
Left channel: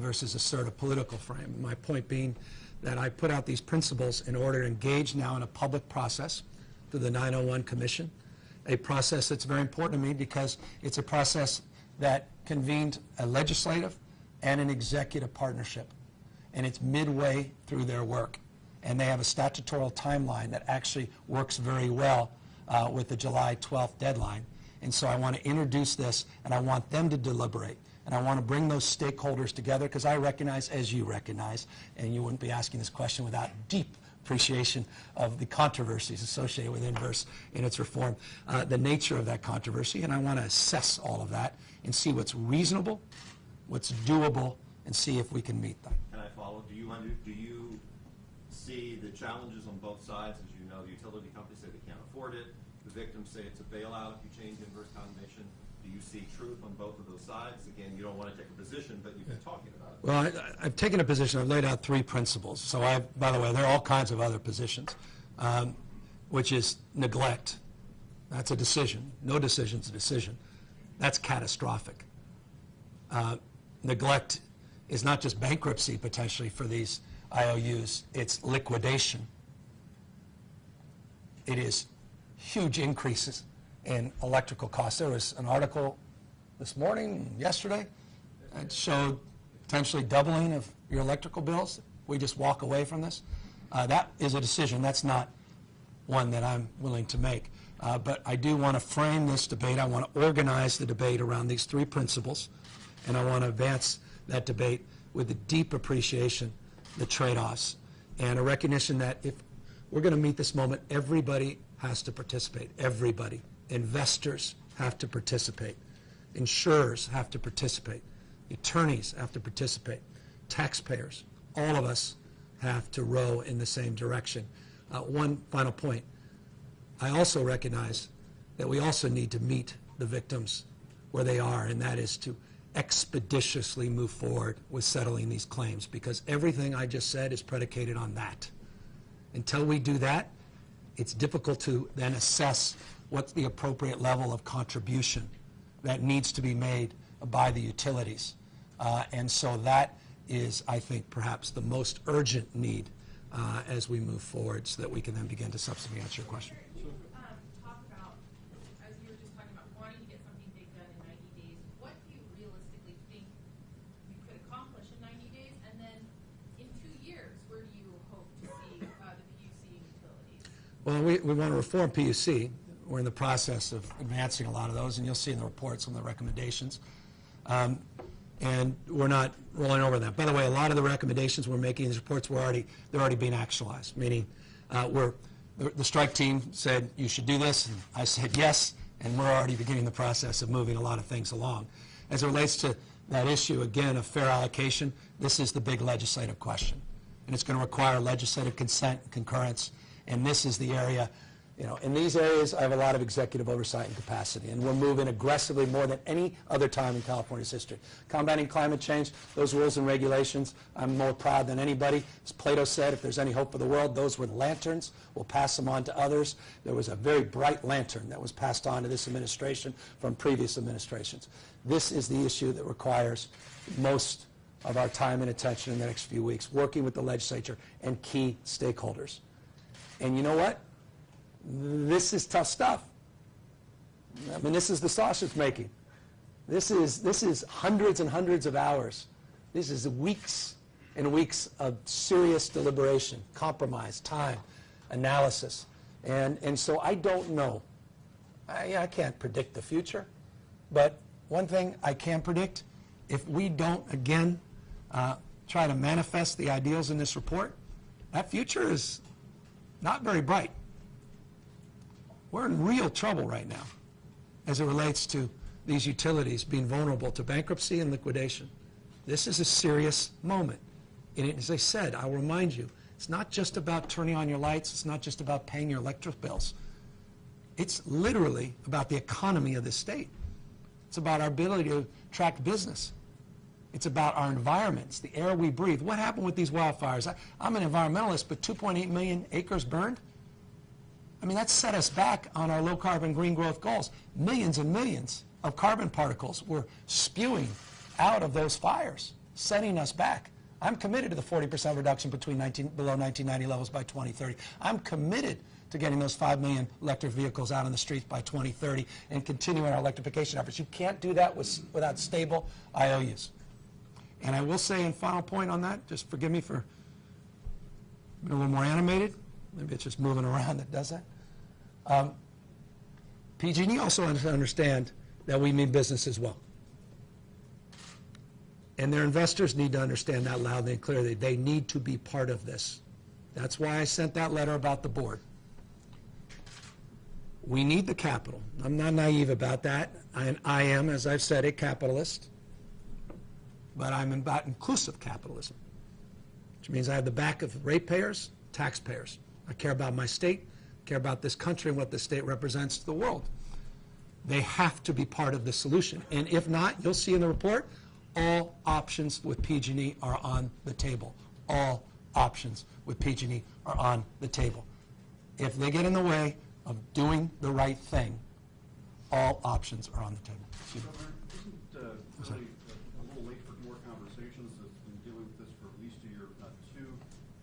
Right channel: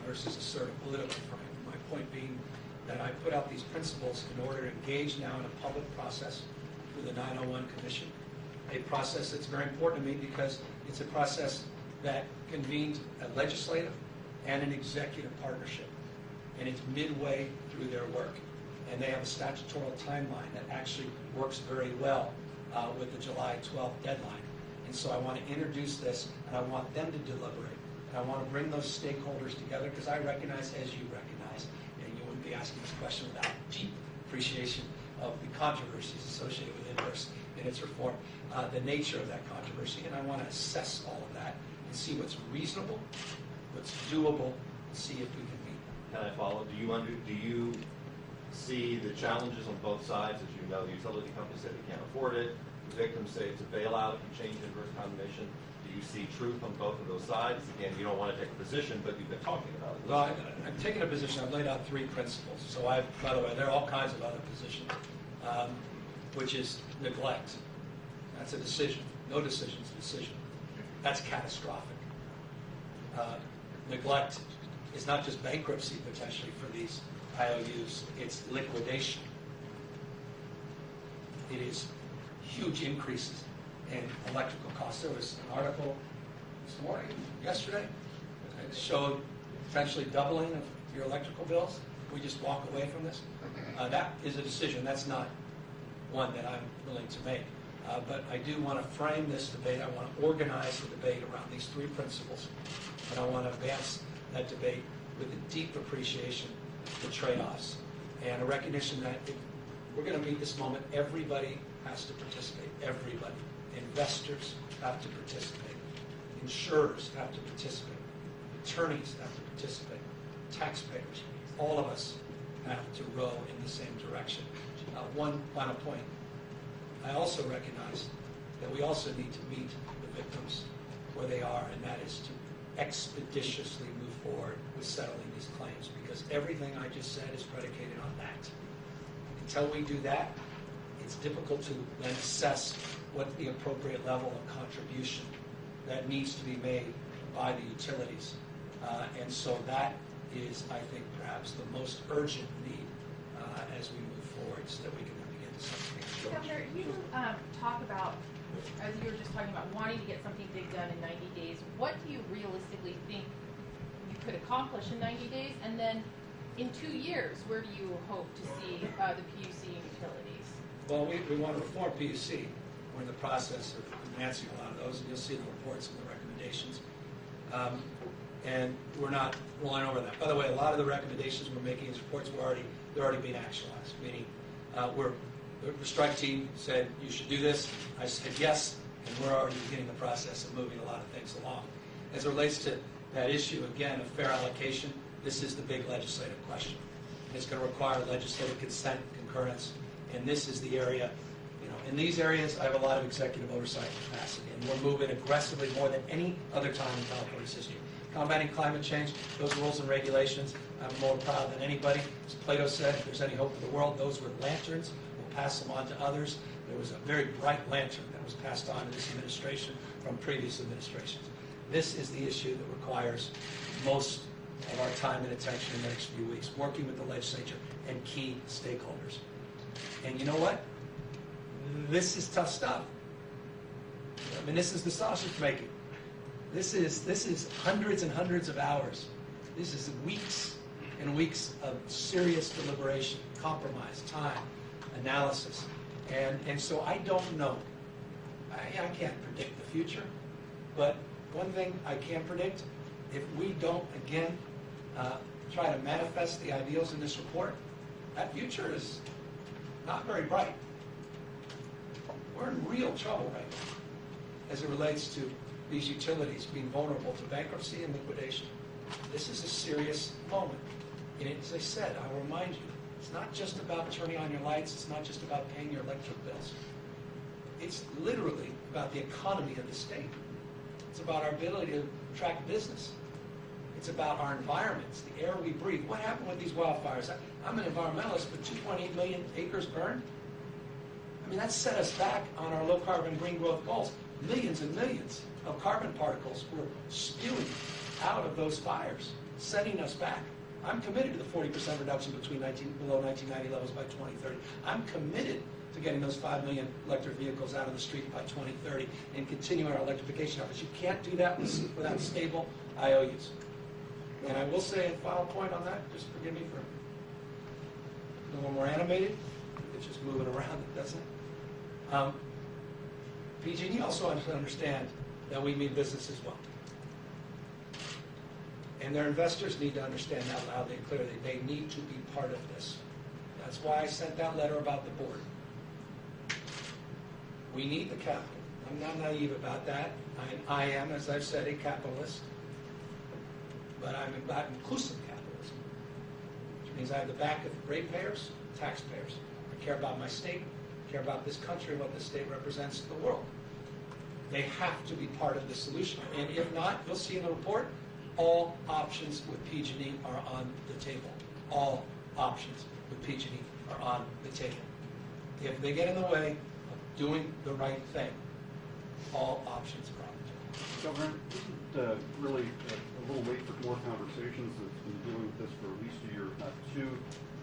versus assert a political frame. My point being that I put out these principles in order to engage now in a public process through the 901 Commission, a process that's very important to me because it's a process that convened a legislative and an executive partnership, and it's midway through their work. And they have a statutory timeline that actually works very well with the July 12th deadline. And so I want to introduce this, and I want them to deliberate. And I want to bring those stakeholders together because I recognize, as you recognize, and you wouldn't be asking this question without deep appreciation of the controversies associated with inverse in its reform, the nature of that controversy, and I want to assess all of that and see what's reasonable, what's doable, and see if we can meet them. Can I follow? Do you see the challenges on both sides? As you know, the utility companies say they can't afford it. The victims say it's a bailout and change inverse condemnation. Do you see truth on both of those sides? Again, you don't want to take a position, but you've been talking about it. Well, I've taken a position. I've laid out 3 principles. So by the way, there are all kinds of other positions, which is neglect. That's a decision. No decision's a decision. That's catastrophic. Neglect is not just bankruptcy potentially for these IOUs. It's liquidation. It is huge increases in electrical costs. There was an article this morning, yesterday, that showed potentially doubling of your electrical bills. We just walk away from this. That is a decision. That's not one that I'm willing to make. But I do want to frame this debate. I want to organize the debate around these 3 principles, and I want to advance that debate with a deep appreciation of the trade-offs and a recognition that if we're going to meet this moment, everybody has to participate. Everybody. Investors have to participate. Insurers have to participate. Attorneys have to participate. Taxpayers. All of us have to row in the same direction. One final point. I also recognize that we also need to meet the victims where they are, and that is to expeditiously move forward with settling these claims, because everything I just said is predicated on that. Until we do that, it's difficult to then assess what's the appropriate level of contribution that needs to be made by the utilities. And so that is, I think, perhaps the most urgent need as we move forward, so that we can then begin to substantiate the question. Governor, you talk about, as you were just talking about, wanting to get something big done in 90 days. What do you realistically think you could accomplish in 90 days? And then in 2 years, where do you hope to see the PUC and utilities? Well, we want to reform PUC. We're in the process of advancing a lot of those, and you'll see in the reports and the recommendations. And we're not rolling over that. By the way, a lot of the recommendations we're making in these reports they're already being actualized, meaning the strike team said you should do this, and I said yes, and we're already beginning the process of moving a lot of things along. As it relates to that issue, again, of fair allocation, this is the big legislative question. And it's going to require legislative consent, concurrence, and this is the area, in these areas I have a lot of executive oversight and capacity, and we're moving aggressively more than any other time in California's history. Combating climate change, those rules and regulations, I'm more proud than anybody. As Plato said, if there's any hope for the world, those were lanterns. We'll pass them on to others. There was a very bright lantern that was passed on to this administration from previous administrations. This is the issue that requires most of our time and attention in the next few weeks, working with the legislature and key stakeholders. And you know what? This is tough stuff. I mean, this is the sausage making. This is hundreds and hundreds of hours. This is weeks and weeks of serious deliberation, compromise, time, analysis. And so I don't know. I can't predict the future. But one thing I can predict, if we don't, again, try to manifest the ideals in this report, that future is not very bright. We're in real trouble right now as it relates to these utilities being vulnerable to bankruptcy and liquidation. This is a serious moment. And as I said, I'll remind you, it's not just about turning on your lights, it's not just about paying your electric bills. It's literally about the economy of the state. It's about our ability to attract business. It's about our environments, the air we breathe. What happened with these wildfires? I'm an environmentalist, but 2.8 million acres burned? I mean, that set us back on our low-carbon green growth goals. Millions and millions of carbon particles were spewing out of those fires, setting us back. I'm committed to the 40% reduction below 1990 levels by 2030. I'm committed to getting those 5 million electric vehicles out on the street by 2030 and continuing our electrification efforts. You can't do that without stable IOUs. And I will say, a final point on that, just forgive me for being a little more animated. Maybe it's just moving around that doesn't. PG&E also understand that we mean business as well. And their investors need to understand that loudly and clearly. They need to be part of this. That's why I sent that letter about the board. We need the capital. I'm not naive about that. I am, as I've said, a capitalist. But I'm about inclusive capitalism, which means I have the back of ratepayers, taxpayers. I care about my state, care about this country and what the state represents to the world. They have to be part of the solution. And if not, you'll see in the report, all options with PG&E are on the table. All options with PG&E are on the table. If they get in the way of doing the right thing, all options are on the table. Governor, isn't really a little late for more conversations? That's been dealing with this for at least a year, if not two.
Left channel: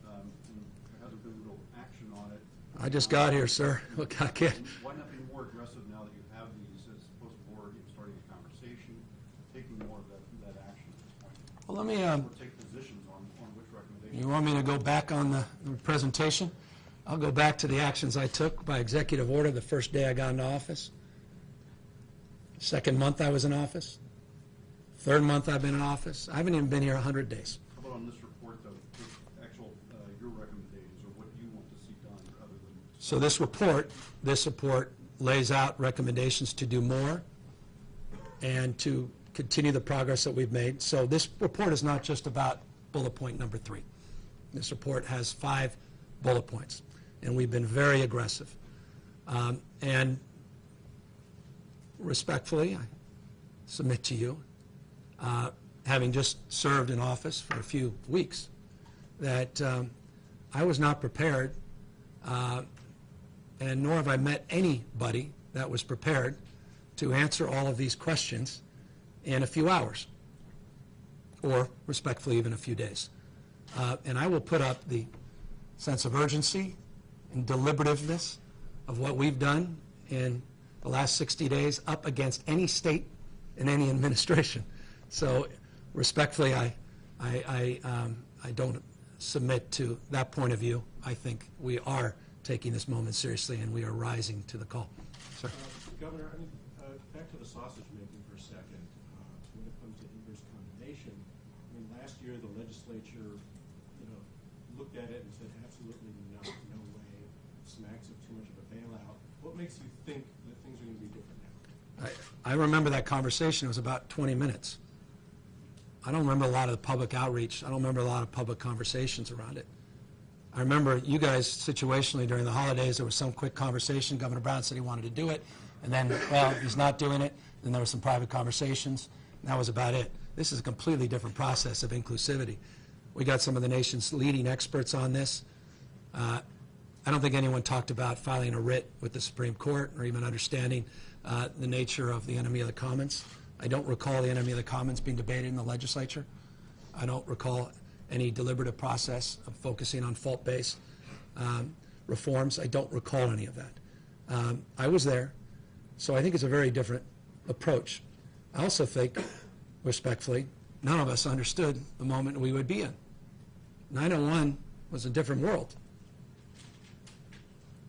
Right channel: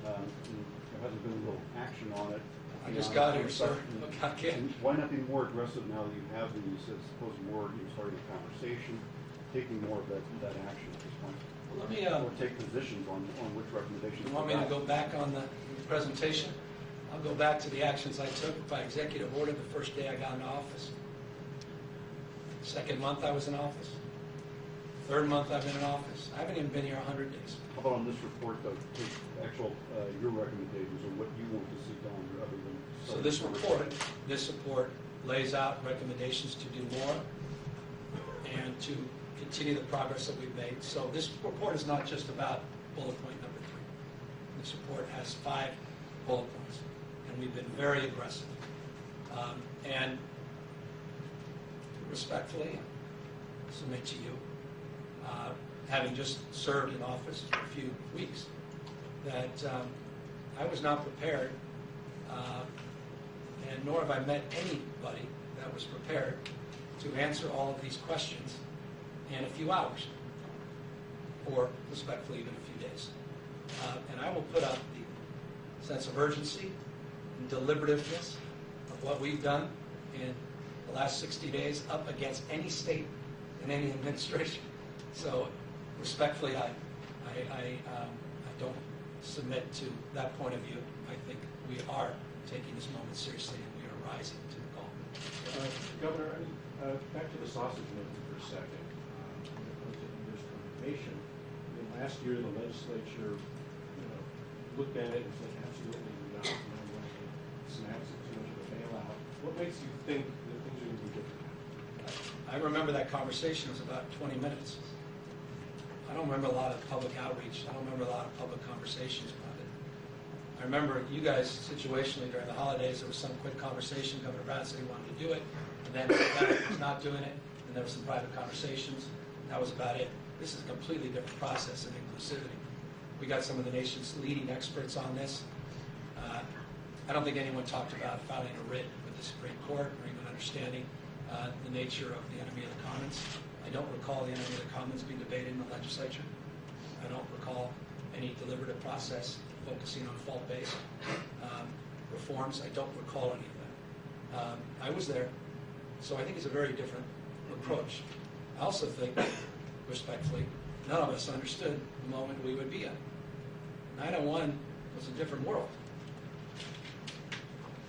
There hasn't been real action on it. I just got here, sir. Okay. Why not be more aggressive now that you have these, as opposed to more starting a conversation, taking more of that action at this point? Well, let me. Or take positions on which recommendations. You want me to go back on the presentation? I'll go back to the actions I took by executive order the first day I got into office. Second month I was in office. Third month I've been in office. I haven't even been here 100 days. How about on this report, though, actual your recommendations or what you want to see done other than... So this report lays out recommendations to do more and to continue the progress that we've made. So this report is not just about bullet point number 3. This report has 5 bullet points, and we've been very aggressive. And respectfully, I submit to you, having just served in office for a few weeks, that I was not prepared, and nor have I met anybody that was prepared to answer all of these questions in a few hours, or respectfully, even a few days. And I will put up the sense of urgency and deliberativeness of what we've done in the last 60 days up against any state and any administration. So respectfully, I don't submit to that point of view. I think we are taking this moment seriously, and we are rising to the call. So. Governor, back to the sausage making for a second. When it comes to inverse condemnation, last year the legislature, looked at it and said, absolutely not. No way. Snacks it too much of a bailout. What makes you think that things are going to be different? I remember that conversation. It was about 20 minutes. I don't remember a lot of the public outreach. I don't remember a lot of public conversations around it. I remember you guys situationally during the holidays, there was some quick conversation. Governor Brown said he wanted to do it, and then, well, he's not doing it. Then there were some private conversations, and that was about it. This is a completely different process of inclusivity. We got some of the nation's leading experts on this. I don't think anyone talked about filing a writ with the Supreme Court or even understanding the nature of the enemy of the commons. I don't recall the enemy of the commons being debated in the legislature. I don't recall any deliberative process of focusing on fault-based reforms. I don't recall any of that. I was there, so I think it's a very different approach. I also think, respectfully, none of us understood the moment we would be in. 9/11 was a different world.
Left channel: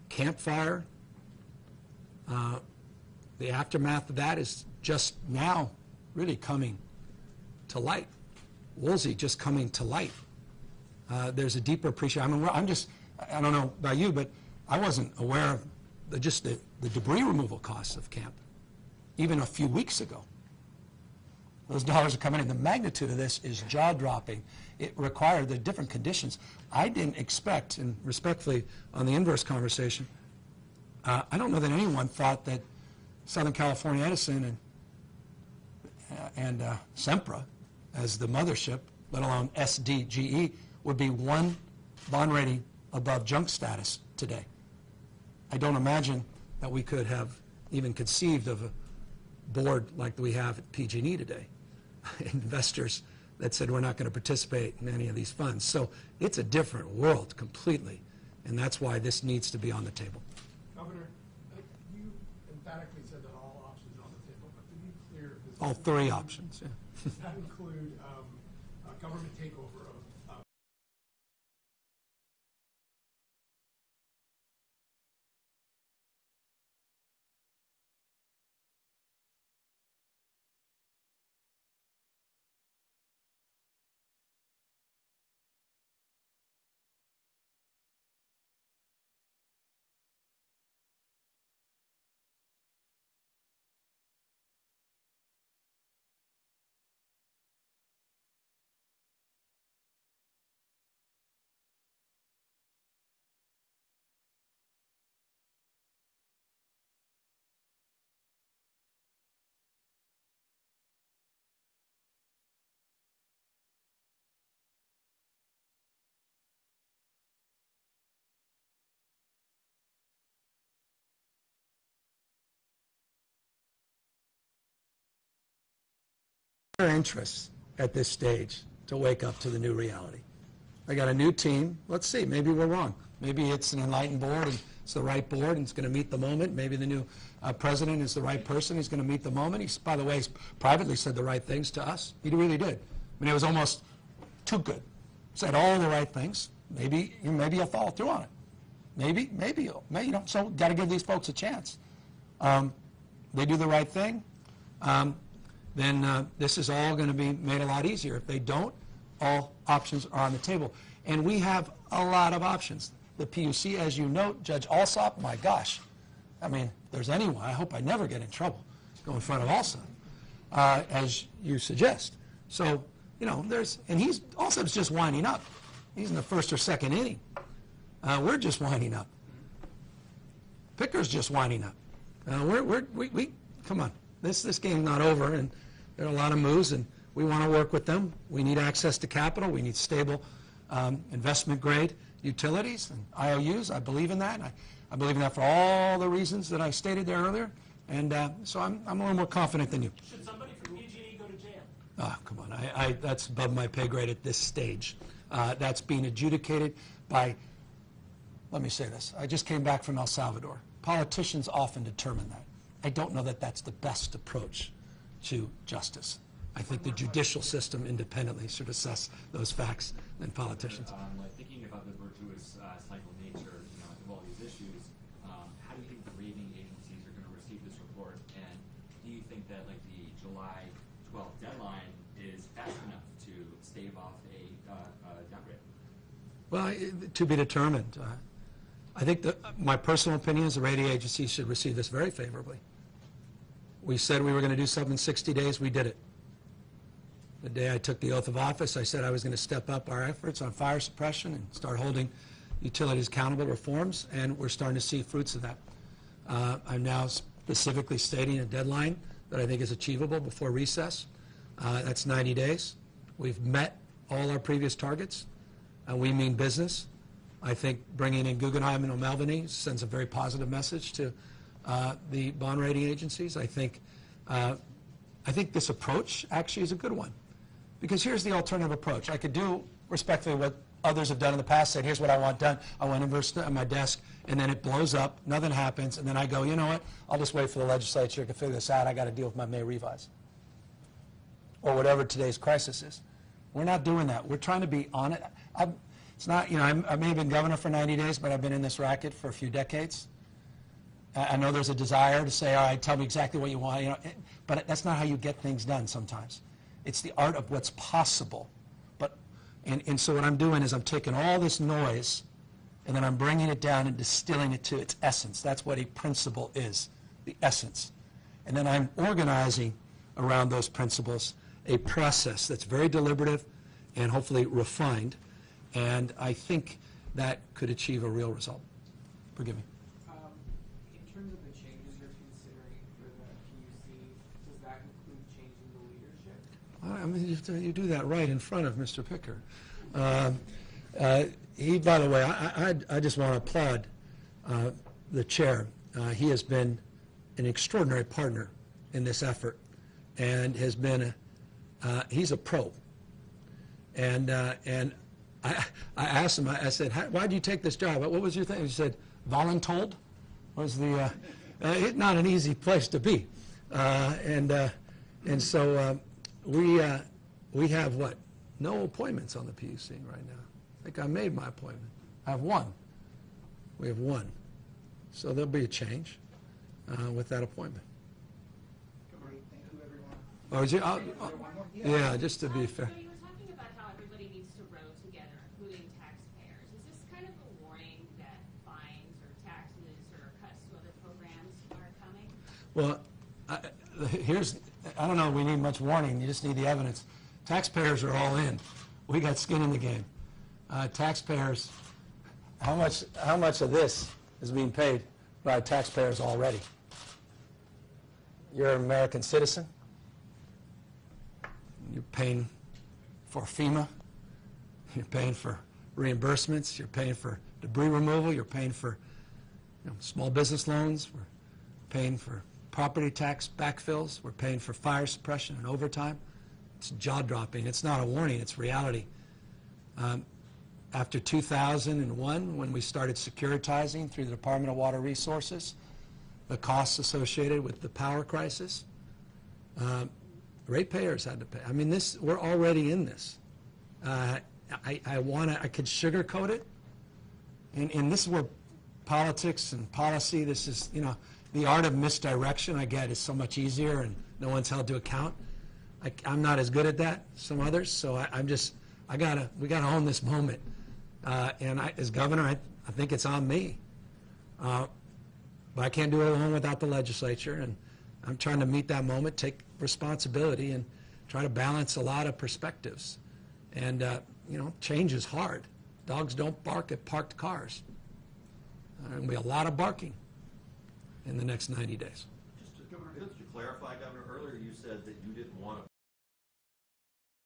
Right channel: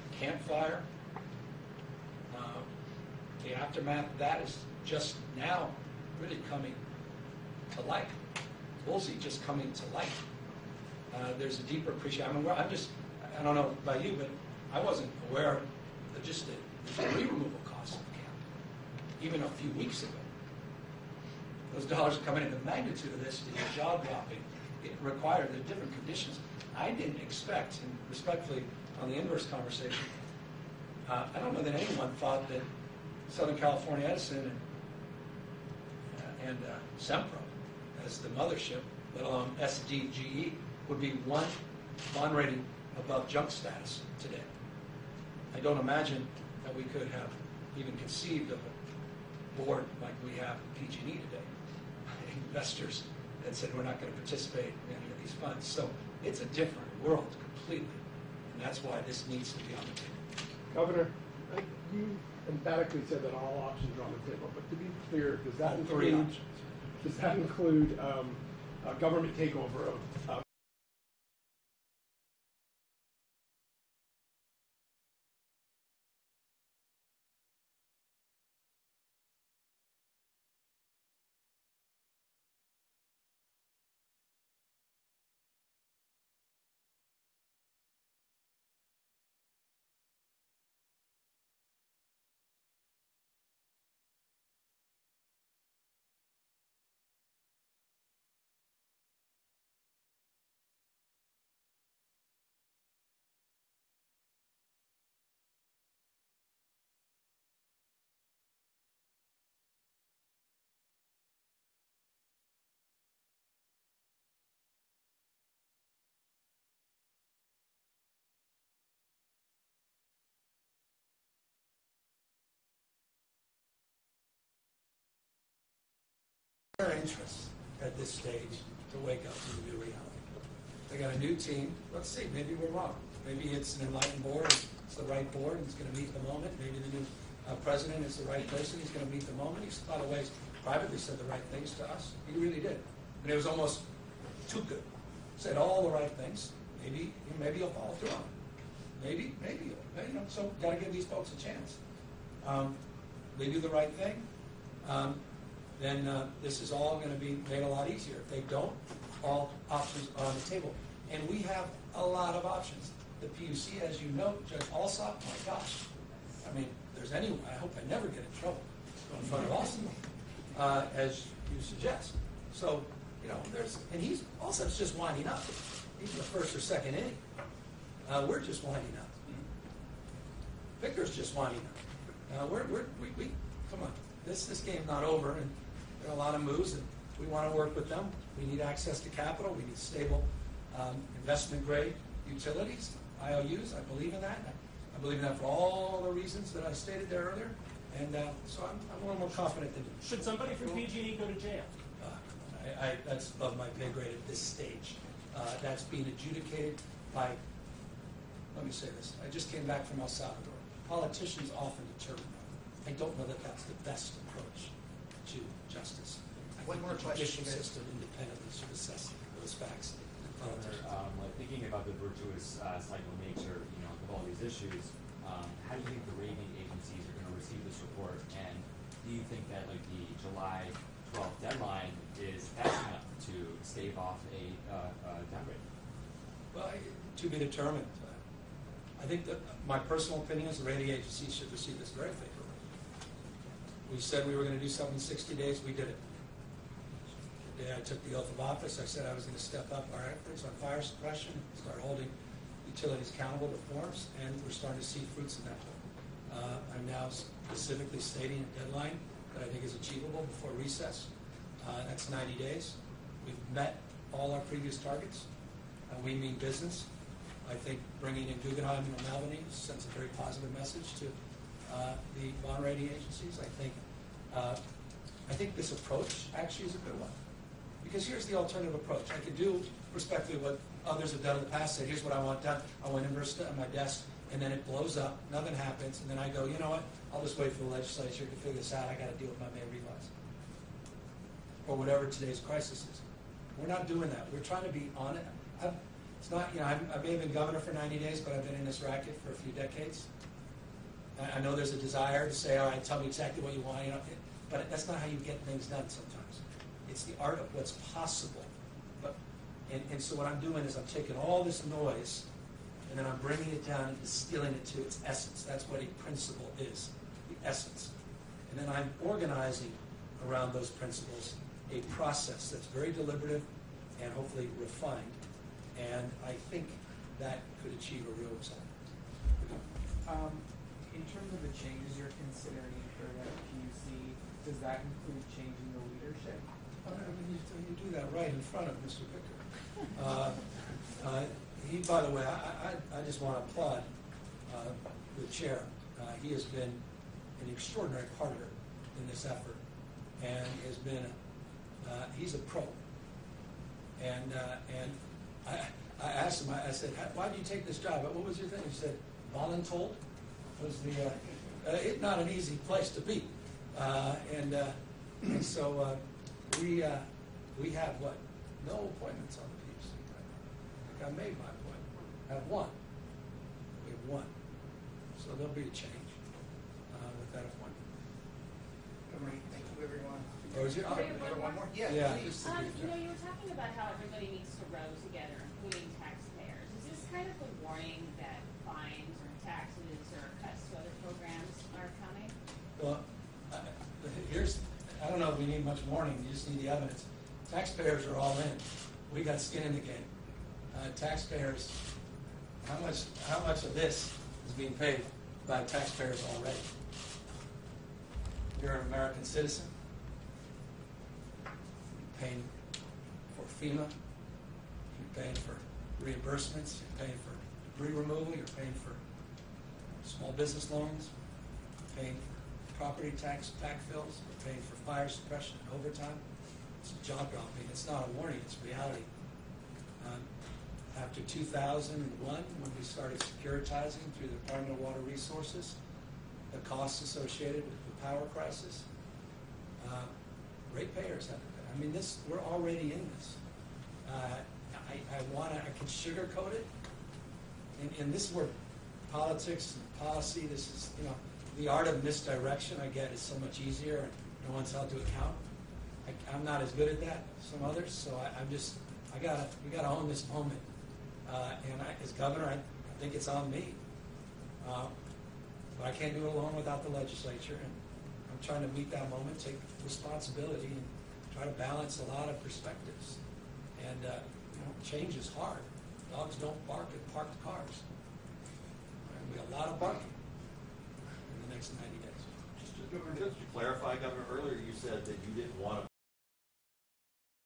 Campfire, the aftermath of that is just now really coming to light. Woolsey just coming to light. There's a deeper appreciation. I don't know about you, but I wasn't aware of the debris removal costs of camp even a few weeks ago. Those dollars are coming in. The magnitude of this is jaw-dropping. It required the different conditions. I didn't expect, and respectfully on the inverse conversation, I don't know that anyone thought that Southern California Edison and Sempra as the mothership, let alone SDGE, would be one bond rating above junk status today. I don't imagine that we could have even conceived of a board like we have at PG&E today. Investors that said we're not going to participate in any of these funds. So it's a different world completely, and that's why this needs to be on the table. Governor, you emphatically said that all options are on the table, but to be clear, does that All 3 options. Does that include a government takeover of Their interests at this stage to wake up to the new reality. I got a new team. Let's see, maybe we're wrong. Maybe it's an enlightened board, and it's the right board, and it's going to meet the moment. Maybe the new president is the right person. He's going to meet the moment. He's, by the way, he's privately said the right things to us. He really did. I mean, it was almost too good. Said all the right things. Maybe you'll follow through on it. Maybe you'll. So got to give these folks a chance. They do the right thing. Then this is all going to be made a lot easier. If they don't, all options are on the table. And we have a lot of options. The PUC, as you note, Judge Alsop, my gosh. I mean, if there's anyone, I hope I never get in trouble go in front of Alsop, as you suggest. So, and Alsop's just winding up. He's in the first or second inning. We're just winding up. Picker's just winding up. We come on. This game's not over, and there are a lot of moves, and we want to work with them. We need access to capital. We need stable investment-grade utilities and IOUs. I believe in that. I believe in that for all the reasons that I stated there earlier, and so I'm a little more confident than you. Should somebody from PG&E go to jail? Come on. That's above my pay grade at this stage. That's being adjudicated by, let me say this. I just came back from El Salvador. Politicians often determine that. I don't know that that's the best approach to justice. I think the judicial system independently should assess those facts than politicians. Like thinking about the virtuous cycle nature, of all these issues, how do you think the rating agencies are going to receive this report? And do you think that like the July 12th deadline is fast enough to stave off a downgrade? Well, to be determined. I think that my personal opinion is the rating agencies should receive this very favorably. We said we were going to do something in 60 days. We did it. The day I took the oath of office, I said I was going to step up our efforts on fire suppression and start holding utilities accountable to reforms, and we're starting to see fruits of that. I'm now specifically stating a deadline that I think is achievable before recess. That's 90 days. We've met all our previous targets. We mean business. I think bringing in Guggenheim and O'Malveny sends a very positive message to the bond rating agencies. I think this approach actually is a good one. Because here's the alternative approach. I could do respectfully what others have done in the past, saying, here's what I want done. I want inverse on my desk, and then it blows up, nothing happens, and then I go, you know what, I'll just wait for the legislature to figure this out. I got to deal with my May revise. Or whatever today's crisis is. We're not doing that. We're trying to be on it. It's not, I may have been governor for 90 days, but I've been in this racket for a few decades. I know there's a desire to say, all right, tell me exactly what you want, but that's not how you get things done sometimes. It's the art of what's possible. And so what I'm doing is I'm taking all this noise and then I'm bringing it down and distilling it to its essence. That's what a principle is, the essence. And then I'm organizing around those principles a process that's very deliberative and hopefully refined. And I think that could achieve a real result. Forgive me. In terms of the changes you're considering for the PUC, does that include changing the leadership? I mean, you do that right in front of Mr. Picker. He, by the way, I just want to applaud the chair. He has been an extraordinary partner in this effort, and has been he's a pro. And I asked him. I said, "Why did you take this job? What was your thing?" He said, "Voluntold was the it's not an easy place to be." And so we have what? No appointments on the PUC right now. I think I made my appointment. I have one. We have one. So there'll be a change with that appointment. Great, thank you, everyone. Oh, is you? One more? Yeah, just to be fair. You were talking about how everybody needs to row together, including taxpayers. Is this kind of a warning that fines or taxes or cuts to other programs are coming? Well, I don't know if we need much warning. You just need the evidence. Taxpayers are all in. We got skin in the game. Taxpayers, how much of this is being paid by taxpayers already? You're an American citizen. You're paying for FEMA. You're paying for reimbursements. You're paying for debris removal. You're paying for small business loans. We're paying for property tax backfills. We're paying for fire suppression and overtime. It's jaw-dropping. It's not a warning. It's reality. After 2001, when we started securitizing through the Department of Water Resources, the costs associated with the power crisis, ratepayers had to pay. I mean, we're already in this. I could sugarcoat it, and this is where politics and policy, this is, the art of misdirection, I get, is so much easier, and no one's held to account. I'm not as good at that, some others, so we gotta own this moment. And as governor, I think it's on me. But I can't do it alone without the legislature, and I'm trying to meet that moment, take responsibility, and try to balance a lot of perspectives. And change is hard. Dogs don't bark at parked cars. There's going to be a lot of barking in the next 90 days. Just to clarify, Governor, earlier you said that you didn't want to.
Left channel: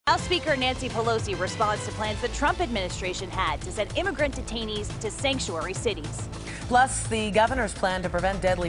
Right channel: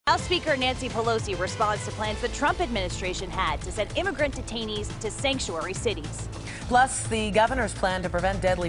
House Speaker Nancy Pelosi responds to plans the Trump administration had to send immigrant detainees to sanctuary cities. Plus, the governor's plan to prevent deadly